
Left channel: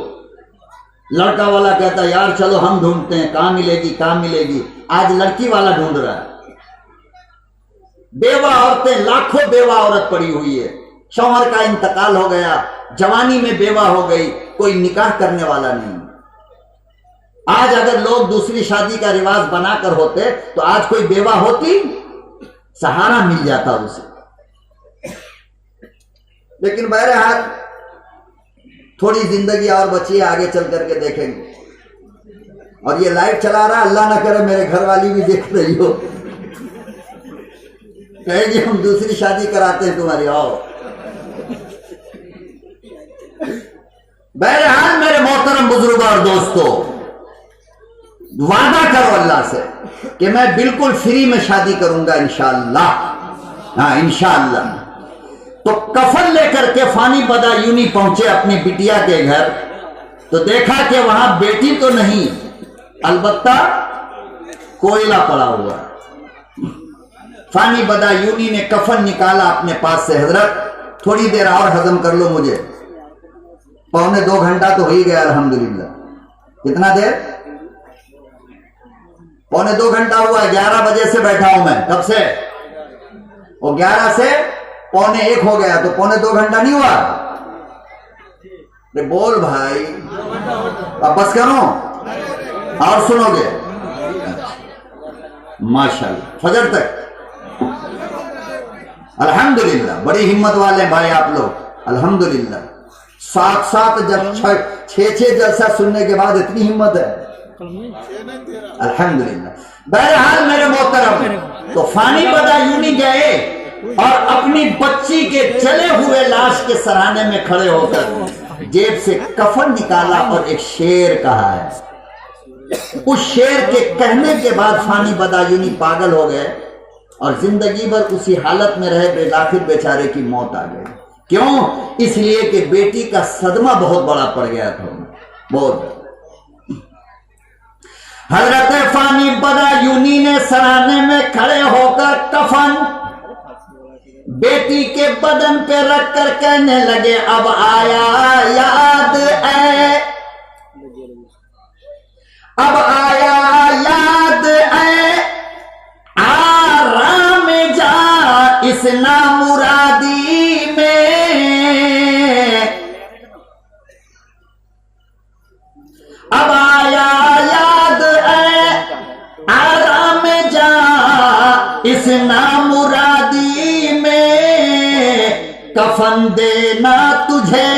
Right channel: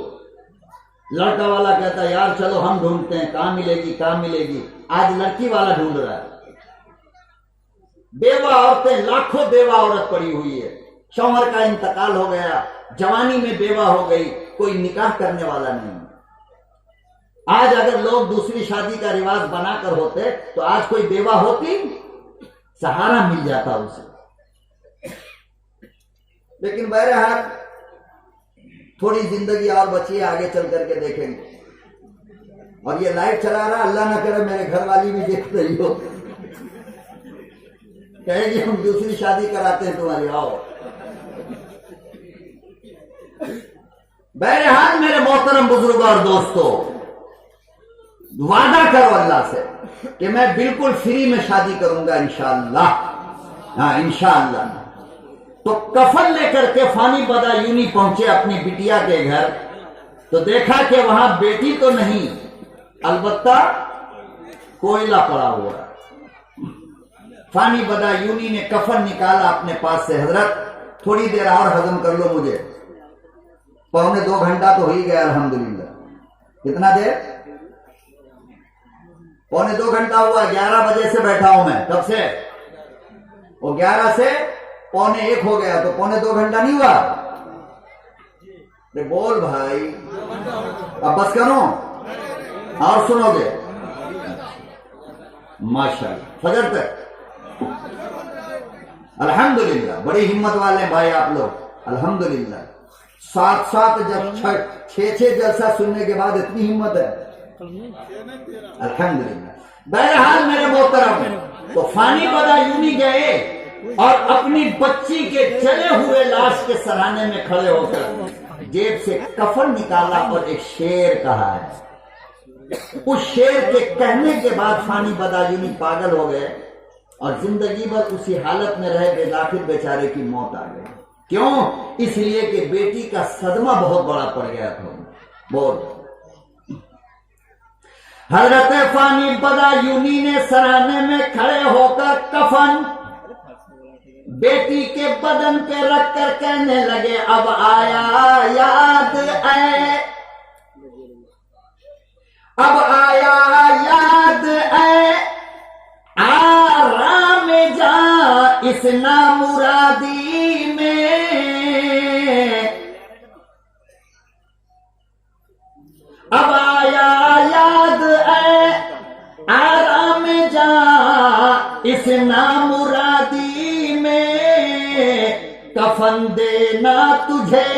लड़का वाला कहता यार चलो हम ढूंढते हैं, कहां मिलेगी कहां मिलेगी। आज लड़की वाला ढूंढ रहा है। बेवा औरतें, लाखों बेवा औरत पड़ी हुई है। शौहर का इंतकाल हो गया, जवानी में बेवा हो गई, कोई निकाह करने वाला नहीं। आज अगर लोग दूसरी शादी का रिवाज बनाकर होते तो आज कोई बेवा होती, सहारा मिल जाता उसे। लेकिन बहरहाल थोड़ी जिंदगी और बची है, आगे चल करके देखेंगे। और ये लाइव चला रहा, अल्लाह ना करे मेरे घर वाली भी देख रही हो। कहेगी हम दूसरी शादी कराते हैं तुम्हारी, आओ। बहरहाल मेरे मोहतरम बुजुर्ग और दोस्तों, वादा करो अल्लाह से कि मैं बिल्कुल फ्री में शादी करूंगा इंशाअल्लाह। हाँ इंशाअल्लाह। तो कफन लेकर के फानी बदायूनी पहुंचे अपनी बिटिया के घर, तो देखा कि वहां बेटी तो नहीं, अलबत्ता कोयला पड़ा हुआ है। फानी बदायूनी ने कफन निकाला अपने पास से, हजरत थोड़ी देर और हजम कर लो मुझे, 1.25 घंटा तो हो ही गया अल्हम्दुलिल्लाह। कितना देर? 1.25 घंटा हुआ, 11 बजे से बैठा हूं मैं, कब से? और 11 से 1:45 हो गया, तो 1.25 घंटा नहीं हुआ? अरे बोल भाई, अब बस करो और सुनोगे? माशाल्लाह, फजर तक। अल्हम्दुलिल्लाह, बड़ी हिम्मत वाले भाई आप लोग, अल्हम्दुलिल्लाह। 7 जब 6 जलसा सुनने के बाद इतनी हिम्मत है, अल्हम्दुलिल्लाह। बहरहाल मेरे मोहतरम, तो फानी बदायूनी गए और अपनी बच्ची के जले हुए लाश के सराहने में खड़े होकर जेब से कफन निकाला और एक शेर कहा है। उस शेर के कहने के बाद फानी बदायूनी पागल हो गए और जिंदगी भर उसी हालत में रहे, आखिर बेचारे की मौत आ गई। क्यों? इसलिए कि बेटी का सदमा बहुत बड़ा पड़ गया था, बहुत। हजरत फानी बदायूनी ने सराहने में खड़े होकर कफन बेटी के बदन पे रख कर कहने लगे, अब आया याद ऐ, अब आया याद ऐ, आराम जा इस नामुरादी में, अब आया याद ऐ, आराम जा इस नामुरादी में, कफन देना तुझे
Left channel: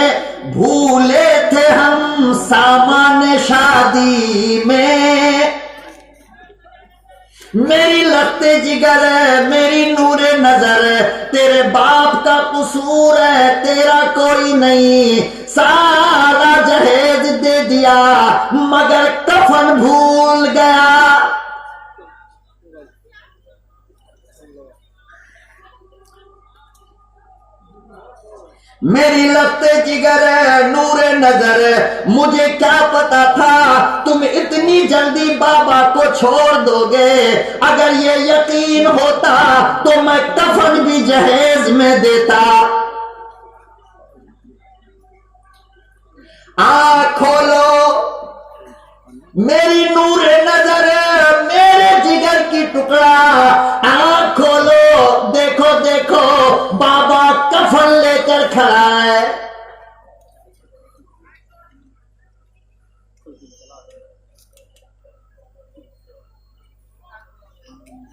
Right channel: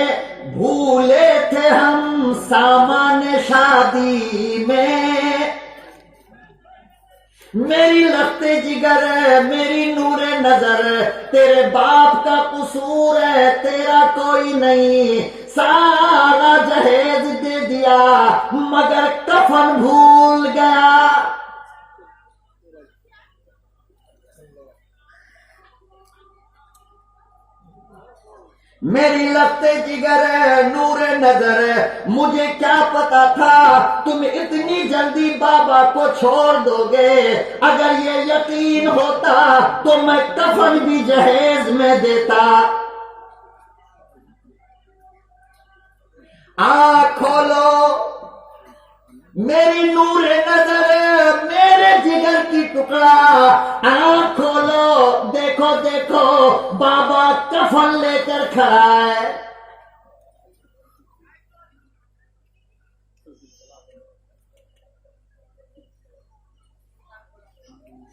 भूले थे हम सामान शादी में, मेरी लगते जिगर मेरी नूरे नजर, तेरे बाप का कसूर है तेरा कोई नहीं, सारा जहेज दे दिया मगर कफन भूल गया। मेरी लगते जिगर नूरे नजर, मुझे क्या पता था तुम इतनी जल्दी बाबा को छोड़ दोगे, अगर ये यकीन होता तो मैं कफन भी जहेज में देता। आँख खोलो मेरी नूरे नजर, मेरे जिगर की टुकड़ा, आँख खोलो, देखो देखो बाबा कफन लेकर खड़ा है।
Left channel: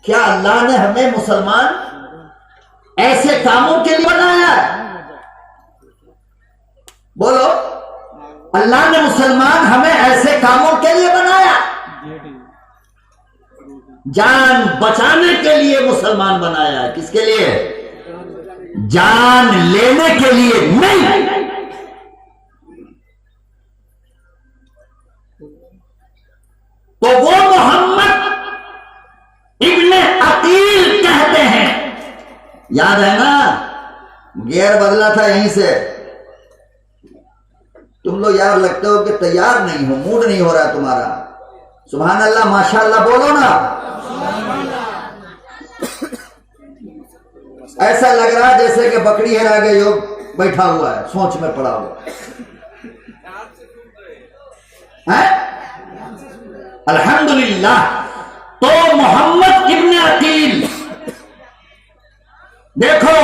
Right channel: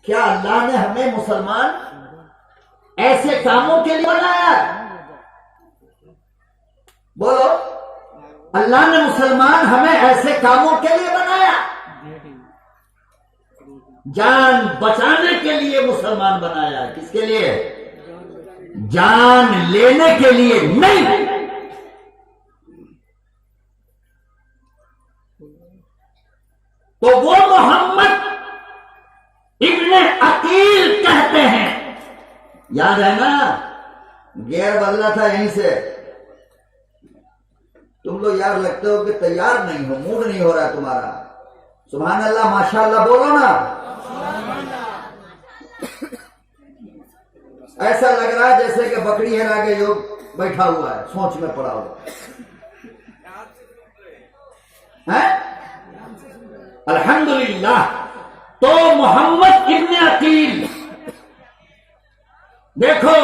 क्या अल्लाह ने हमें मुसलमान ऐसे कामों के लिए बनाया है? बोलो, अल्लाह ने मुसलमान हमें ऐसे कामों के लिए बनाया? जान बचाने के लिए मुसलमान बनाया है। किसके लिए? जान लेने के लिए नहीं। तो वो मोहम्मद इब्ने अकील कहते हैं, याद है ना, गियर बदला था यहीं से। तुम लोग यार लगते हो कि तैयार नहीं हो, मूड नहीं हो रहा तुम्हारा। सुभान अल्लाह माशाअल्लाह बोलो ना। ऐसा लग रहा है जैसे कि बकरी हेरा के योग बैठा हुआ है, सोच में पड़ा हुआ है। अल्हम्दुलिल्लाह। तो मोहम्मद इब्ने अकील, देखो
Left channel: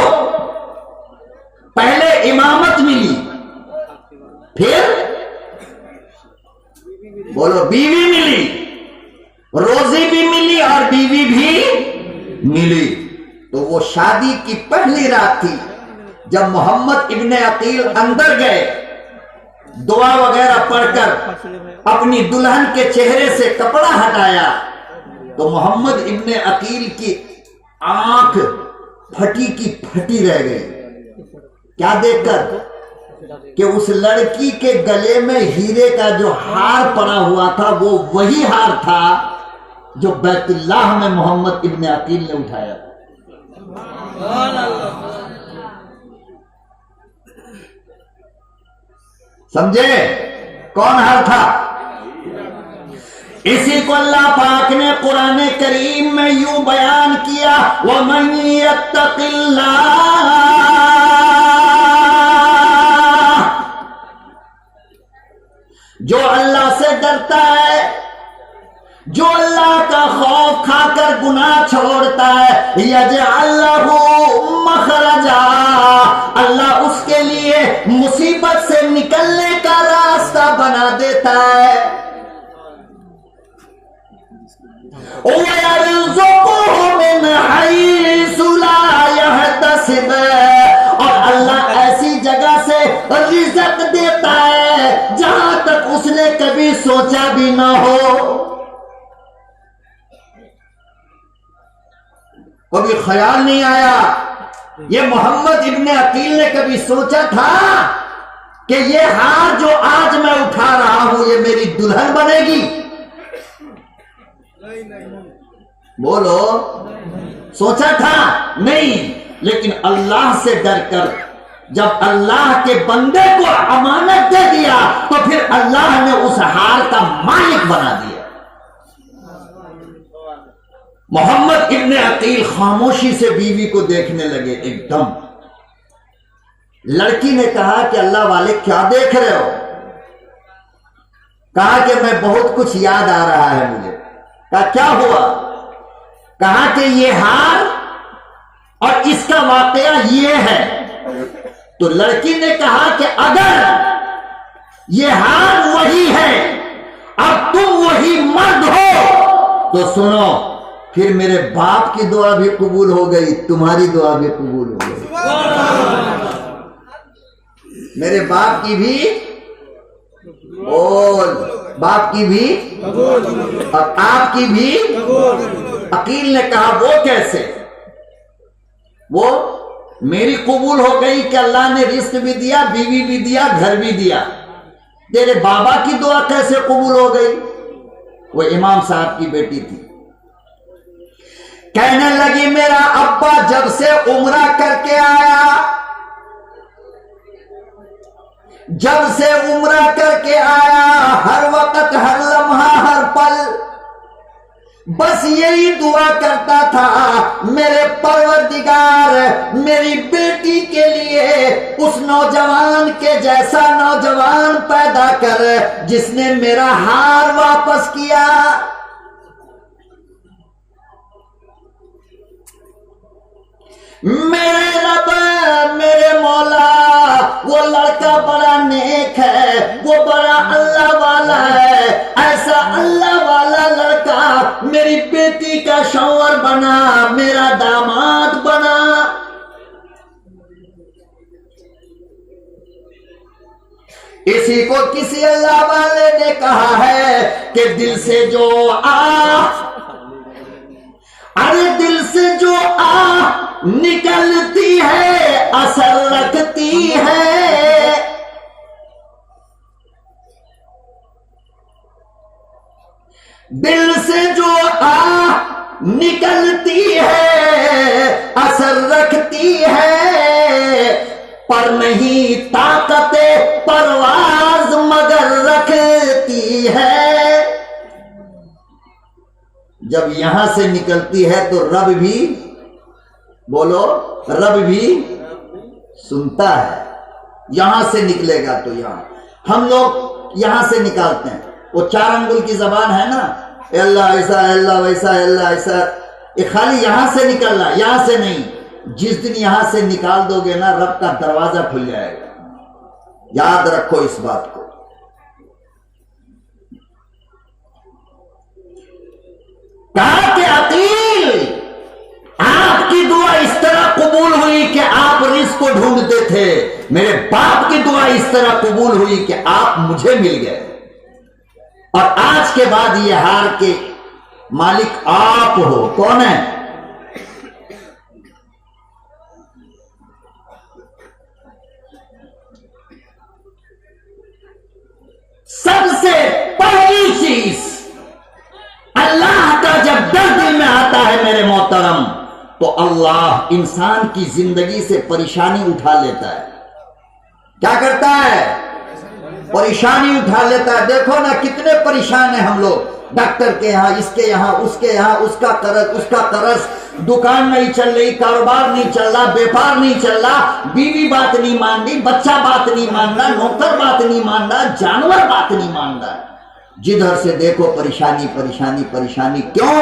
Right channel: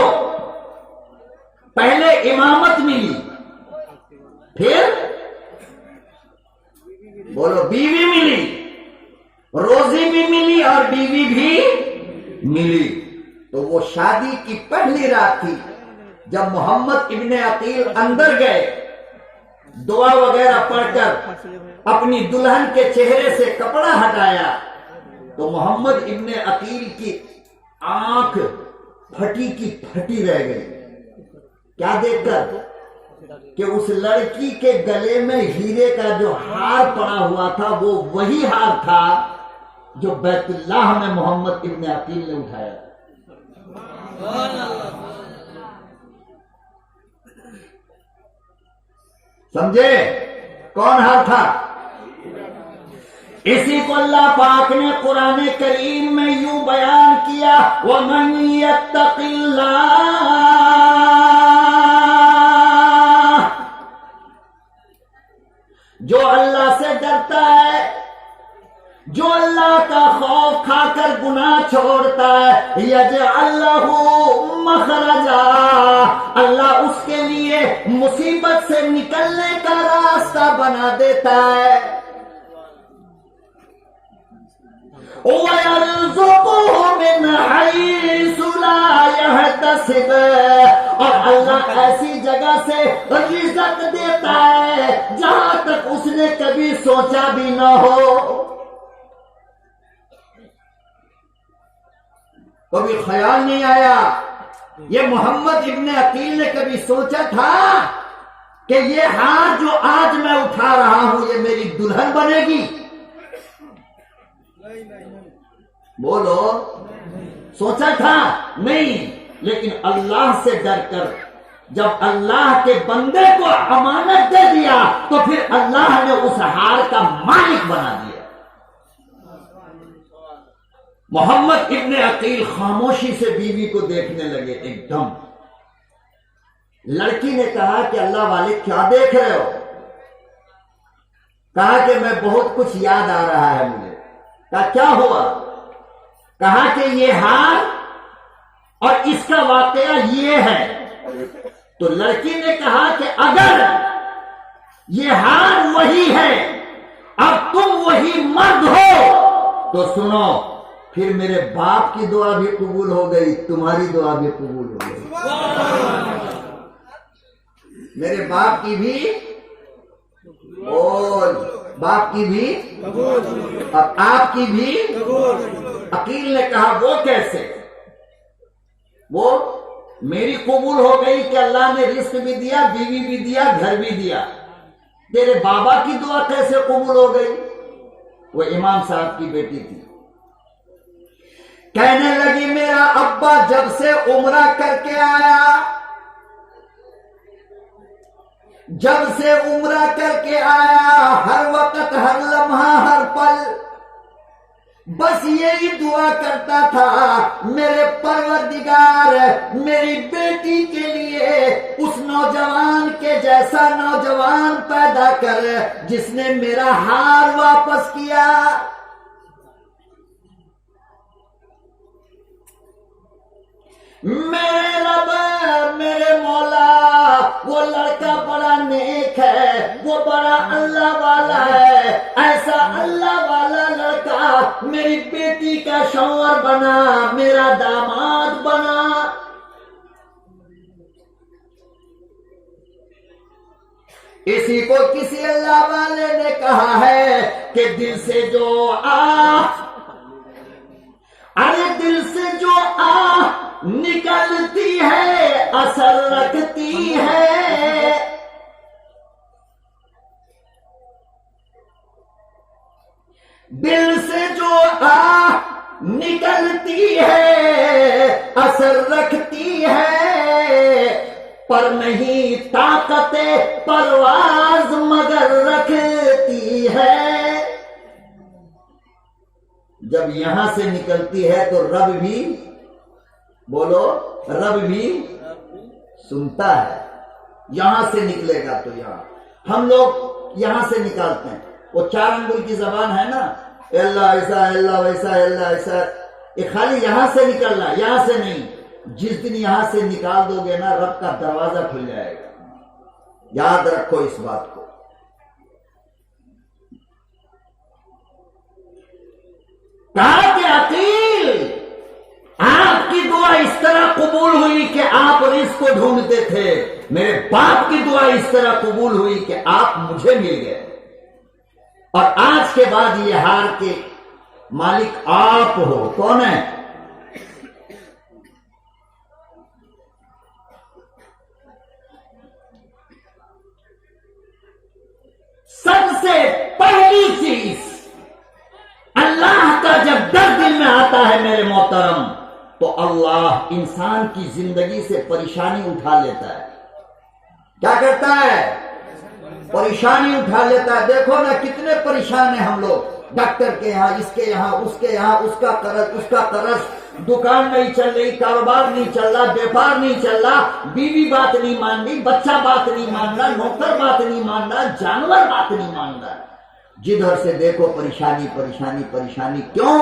पहले इमामत मिली, फिर बोलो बीवी मिली, रोजी भी मिली और बीवी भी मिली। तो वो शादी की पहली रात थी जब मोहम्मद इब्ने अकील अंदर गए, दुआ वगैरह पढ़कर अपनी दुल्हन के चेहरे से कपड़ा हटाया, तो मोहम्मद इब्ने अकील की आंख फटी की फटी रह गई। क्या देखकर? कि उस लड़की के गले में हीरे का जो हार पड़ा हुआ था वो वही हार था जो बैतुल्लाह में मोहम्मद इब्ने अकील ने उठाया था। समझे? कौन हार था? इसी को अल्लाह पाक ने कुरान करीम में यूं बयान किया, वमन यत्तकिल्लाह, जो अल्लाह से डरता है, जो अल्लाह का खौफ खाकर गुनाह छोड़ता है, यजअल लहू मखरजा, अल्लाह उसके लिए मुसीबत से निकलने का रास्ता बना देता है। वयरज़ुक़ुहु मिन हैसु ला यहतसिब, और अल्लाह ऐसी जगह से रिज़्क़ देता है जहां तक उसने कभी सोचा भी ना हो। कभी ख्याल नहीं आया। ये मोहम्मद इब्ने अकील ने कभी सोचा था कि ये हार जो आज मैं उठा रहा हूं ये मेरी दुल्हन बनेगी? बोलो, सोचा था? नहीं। लेकिन अल्लाह से डरकर जब अल्लाह के बंदे को अमानत दे दिया तो फिर अल्लाह ने उस हार का मालिक बना दिया। मोहम्मद इब्ने अकील खामोशी से बीवी को देखने लगे। एकदम लड़की ने कहा कि अल्लाह वाले क्या देख रहे हो? कहा कि मैं बहुत कुछ याद आ रहा है मुझे। कहा क्या हुआ? कहा कि ये हार और इसका वाकया ये है। तो लड़की ने कहा कि अगर ये हार वही है, अब तुम वही मर्द हो, तो सुनो, फिर मेरे बाप की दुआ भी कबूल हो गई, तुम्हारी दुआ भी कबूल हो गई। मेरे बाप की भी बोल, बाप की भी और आपकी भी। अकील ने कहा वो कैसे? वो मेरी कबूल हो गई कि अल्लाह ने रिस्क भी दिया, बीवी भी दिया, घर भी दिया। तेरे बाबा की दुआ कैसे कबूल हो गई? वो इमाम साहब की बेटी थी। कहने लगी मेरा अब्बा जब से उम्रा करके आया, जब से उम्रा करके आया, हर वक्त, हर लम्हा, हर पल बस यही दुआ करता था, मेरे परवरदिगार मेरी बेटी के लिए उस नौजवान के जैसा नौजवान पैदा कर जिसने मेरा हार वापस किया। मेरे रब, मेरे मौला, वो लड़का बड़ा नेक है, वो बड़ा अल्लाह वाला है। ऐसा अल्लाह वाला लड़का मेरी बेटी का शौहर बना, मेरा दामाद बना। इसी को किसी अल्लाह वाले ने कहा है कि दिल से जो अरे दिल से जो निकलती है असर रखती है। दिल से जो निकलती है असर रखती है, पर नहीं ताकत परवाज मगर रखती है। जब यहां से निकलती है तो रब भी, बोलो, रब भी सुनता है। यहां से निकलेगा तो यहां हम लोग यहां से निकालते हैं। वो 4 अंगुल की जबान है ना, अल्लाह ऐसा, अल्लाह वैसा, अल्लाह ऐसा, ये खाली यहां से निकलना, यहां से नहीं। जिस दिन यहां से निकाल दोगे ना, रब का दरवाजा खुल जाएगा। याद रखो इस बात को। कहा कि अकील, आपकी दुआ इस तरह कबूल हुई कि आप रिस्क को ढूंढते थे, मेरे बाप की दुआ इस तरह कबूल हुई कि आप मुझे मिल गए, और आज के बाद ये हार के मालिक आप हो। कौन है? सबसे पहली चीज अल्लाह का जब डर दिल में आता है मेरे मोहतरम, तो अल्लाह इंसान की जिंदगी से परेशानी उठा लेता है। क्या करता है? परेशानी उठा लेता है। देखो ना कितने परेशान हैं हम लोग, डॉक्टर के यहाँ, इसके यहाँ, उसके यहाँ, उसका कर्ज, उसका कर्ज, दुकान नहीं चल रही, कारोबार नहीं चल रहा, व्यापार नहीं चल रहा, बीवी बात नहीं मान रही, बच्चा बात नहीं मान रहा, नौकर बात नहीं मान रहा, जानवर बात नहीं मान रहा। जिधर से देखो परेशानी परेशानी परेशानी। क्यों?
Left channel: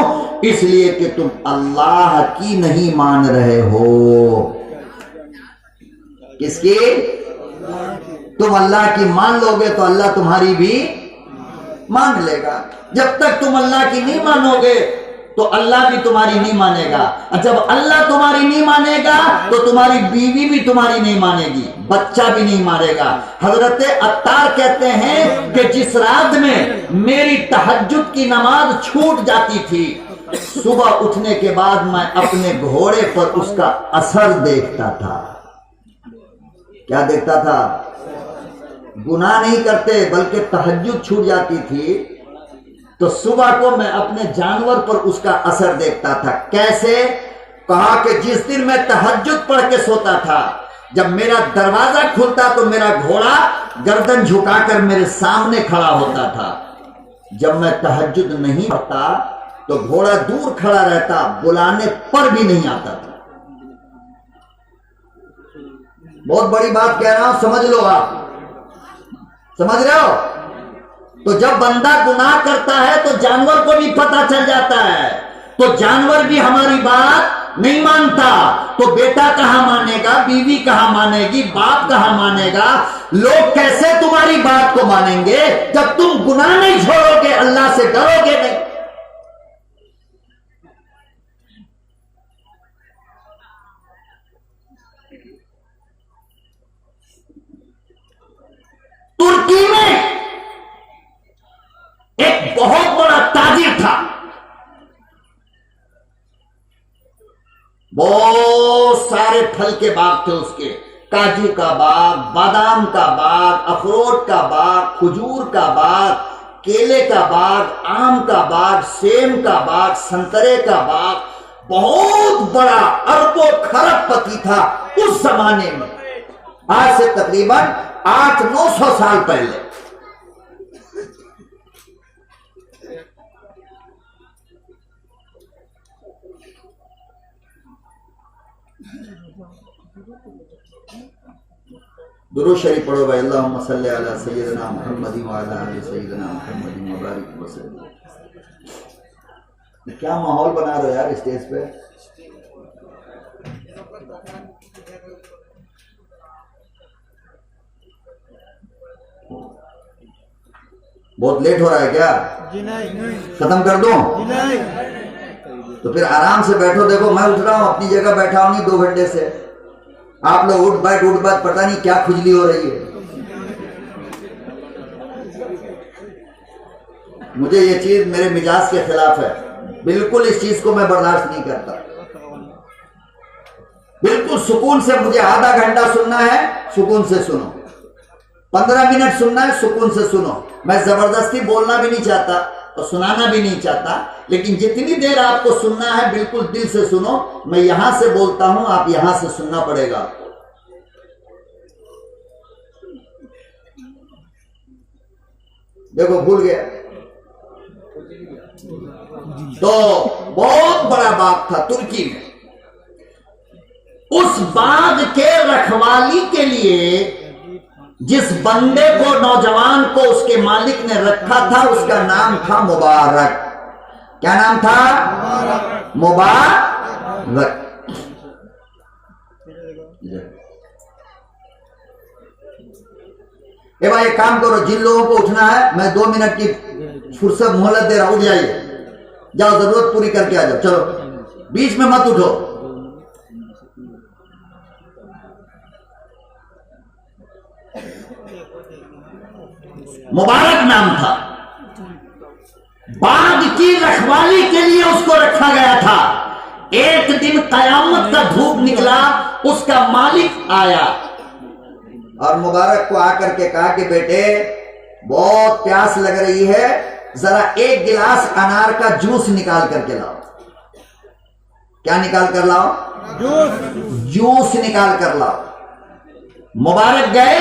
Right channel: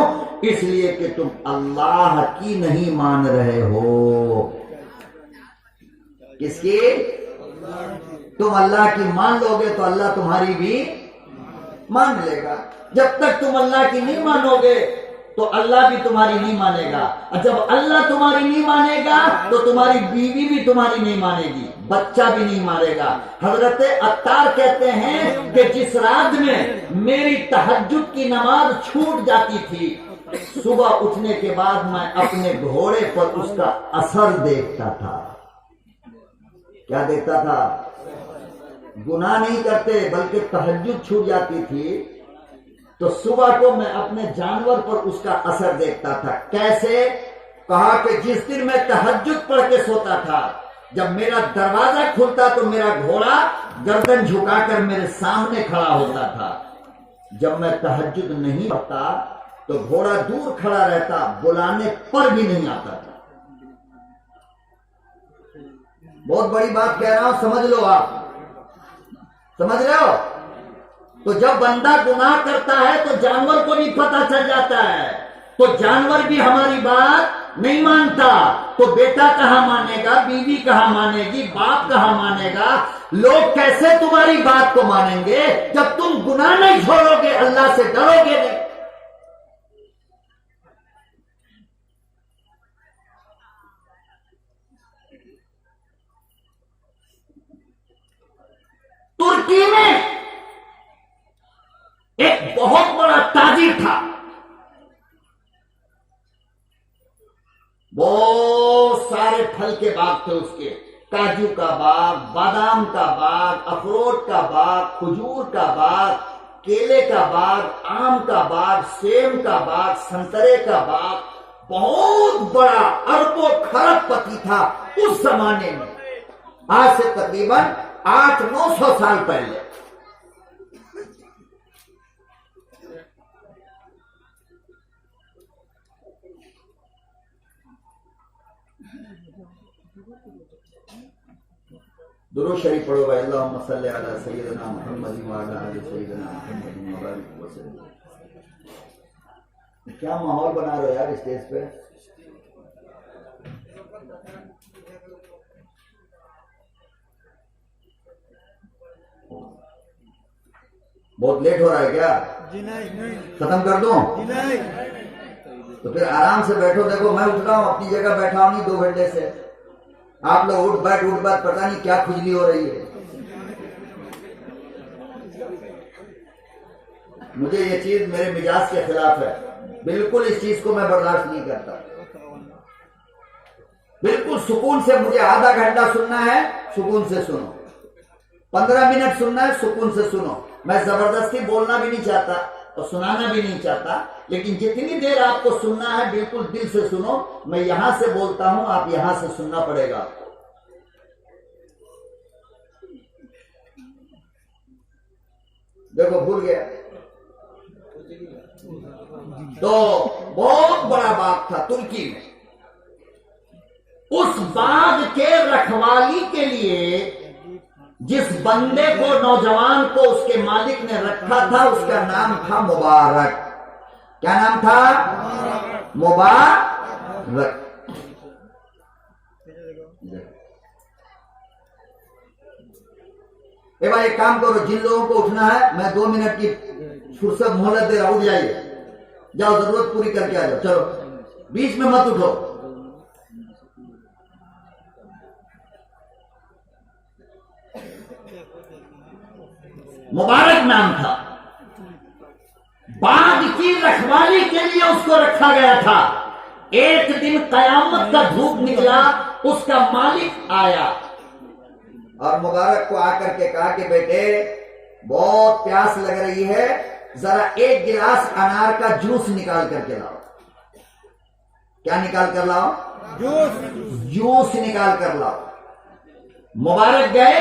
इसलिए कि तुम अल्लाह की नहीं मान रहे हो। किसकी? तुम अल्लाह की मान लोगे तो अल्लाह तुम्हारी भी मान लेगा। जब तक तुम अल्लाह की नहीं मानोगे तो अल्लाह भी तुम्हारी नहीं मानेगा। और जब अल्लाह तुम्हारी नहीं मानेगा तो तुम्हारी बीवी भी तुम्हारी नहीं मानेगी, बच्चा भी नहीं मानेगा। हजरत अत्तार कहते हैं कि जिस रात में मेरी तहज्जुद की नमाज छूट जाती थी, सुबह उठने के बाद मैं अपने घोड़े पर उसका असर देखता था। क्या देखता था? गुनाह नहीं करते बल्कि तहज्जुद छूट जाती थी तो सुबह को मैं अपने जानवर पर उसका असर देखता था। कैसे? कहा कि जिस दिन मैं तहज्जुद पढ़ के सोता था, जब मेरा दरवाजा खुलता तो मेरा घोड़ा गर्दन झुकाकर मेरे सामने खड़ा होता था। जब मैं तहज्जुद नहीं पढ़ता तो घोड़ा दूर खड़ा रहता, बुलाने पर भी नहीं आता था। बहुत बड़ी बात कह रहा हूं, समझ लो। आप समझ रहे हो? तो जब बंदा गुनाह करता है तो जानवर को भी पता चल जाता है, तो जानवर भी हमारी बात नहीं मानता। तो बेटा कहां मानेगा, बीवी कहां मानेगी, बाप कहां मानेगा? लोग कैसे तुम्हारी बात को मानेंगे जब तुम गुनाह नहीं छोड़ोगे, अल्लाह से डरोगे नहीं। तुर्की में एक बहुत बड़ा ताजिर था, बहुत सारे फल के बाग थे उसके, काजू का बाग, बादाम का बाग, अखरोट का बाग, खजूर का बाग, केले का बाग, आम का बाग, सेम का बाग, संतरे का बाग। बहुत बड़ा अरबों खरबपति था उस जमाने में, आज से तकरीबन 800-900 साल पहले। दुरूद शरीफ पढ़ो भाई। अल्लाहुम्मा सल्ली अला सय्यिदना मुहम्मद व अला आलि सय्यिदना मुहम्मद व बारिक वसल्लम। क्या माहौल बना रहे हो यार स्टेज पे? बहुत लेट हो रहा है क्या? जी नहीं। खत्म कर दूं? जी नहीं। तो फिर आराम से बैठो। देखो मैं उठ रहा हूं, अपनी जगह बैठा हूं नहीं 2 घंटे से। आप लोग उठ बैठ पता नहीं क्या खुजली हो रही है। मुझे ये चीज मेरे मिजाज के खिलाफ है। बिल्कुल इस चीज को मैं बर्दाश्त नहीं करता। बिल्कुल सुकून से मुझे आधा घंटा सुनना है, सुकून से सुनो। 15 मिनट सुनना है, सुकून से सुनो। मैं जबरदस्ती बोलना भी नहीं चाहता और सुनाना भी नहीं चाहता, लेकिन जितनी देर आपको सुनना है बिल्कुल दिल से सुनो। मैं यहां से बोलता हूं, आप यहां से सुनना पड़ेगा आपको। देखो भूल गया। तो बहुत बड़ा बाग था तुर्की में। उस बाग के रखवाली के लिए जिस बंदे को, नौजवान को उसके मालिक ने रखा था, उसका नाम था मुबारक। क्या नाम था? मुबारक। ए भाई एक काम करो, जिन लोगों को उठना है मैं 2 मिनट की फुर्सत मोहलत दे रहा हूं, उठ जाइए, जाओ जरूरत पूरी करके आ जाओ। चलो बीच में मत उठो। मुबारक नाम था। बाग की रखवाली के लिए उसको रखा गया था। एक दिन कयामत का धूप निकला, उसका मालिक आया और मुबारक को आकर के कहा कि बेटे बहुत प्यास लग रही है, जरा एक गिलास अनार का जूस निकाल करके लाओ। क्या निकाल कर लाओ? जूस निकाल कर लाओ। मुबारक गए,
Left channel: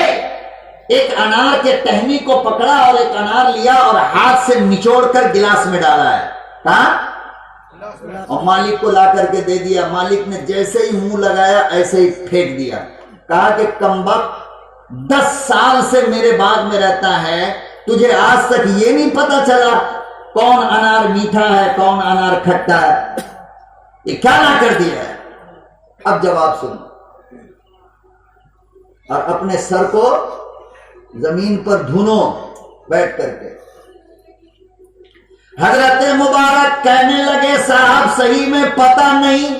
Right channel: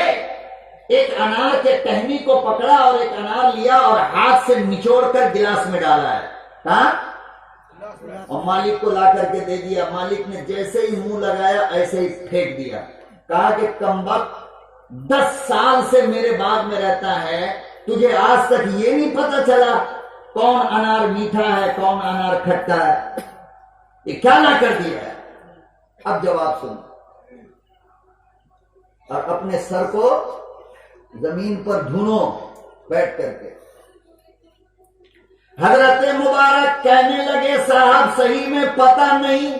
एक अनार के टहनी को पकड़ा और एक अनार लिया और हाथ से निचोड़ कर गिलास में डाला है। कहा? और मालिक को ला करके दे दिया। मालिक ने जैसे ही मुंह लगाया ऐसे ही फेंक दिया। कहा कि कमबख्त 10 साल से मेरे बाग में रहता है, तुझे आज तक ये नहीं पता चला कौन अनार मीठा है कौन अनार खट्टा है? ये क्या ना कर दिया है? अब जवाब सुनो और अपने सर को जमीन पर धुनो बैठ करके। हजरत मुबारक कहने लगे, साहब सही में पता नहीं।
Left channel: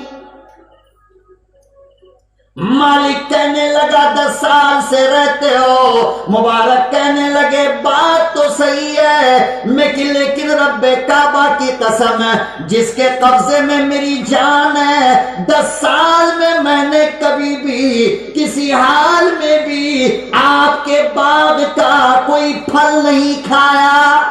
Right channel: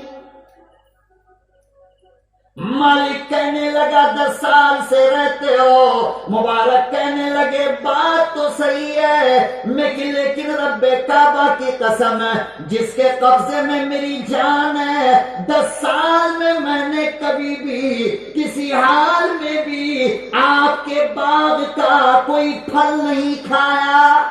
मालिक कहने लगा 10 साल से रहते हो। मुबारक कहने लगे बात तो सही है, लेकिन रब्बे काबा की कसम है जिसके कब्जे में मेरी जान है, 10 साल में मैंने कभी भी किसी हाल में भी आपके बाग का कोई फल नहीं खाया।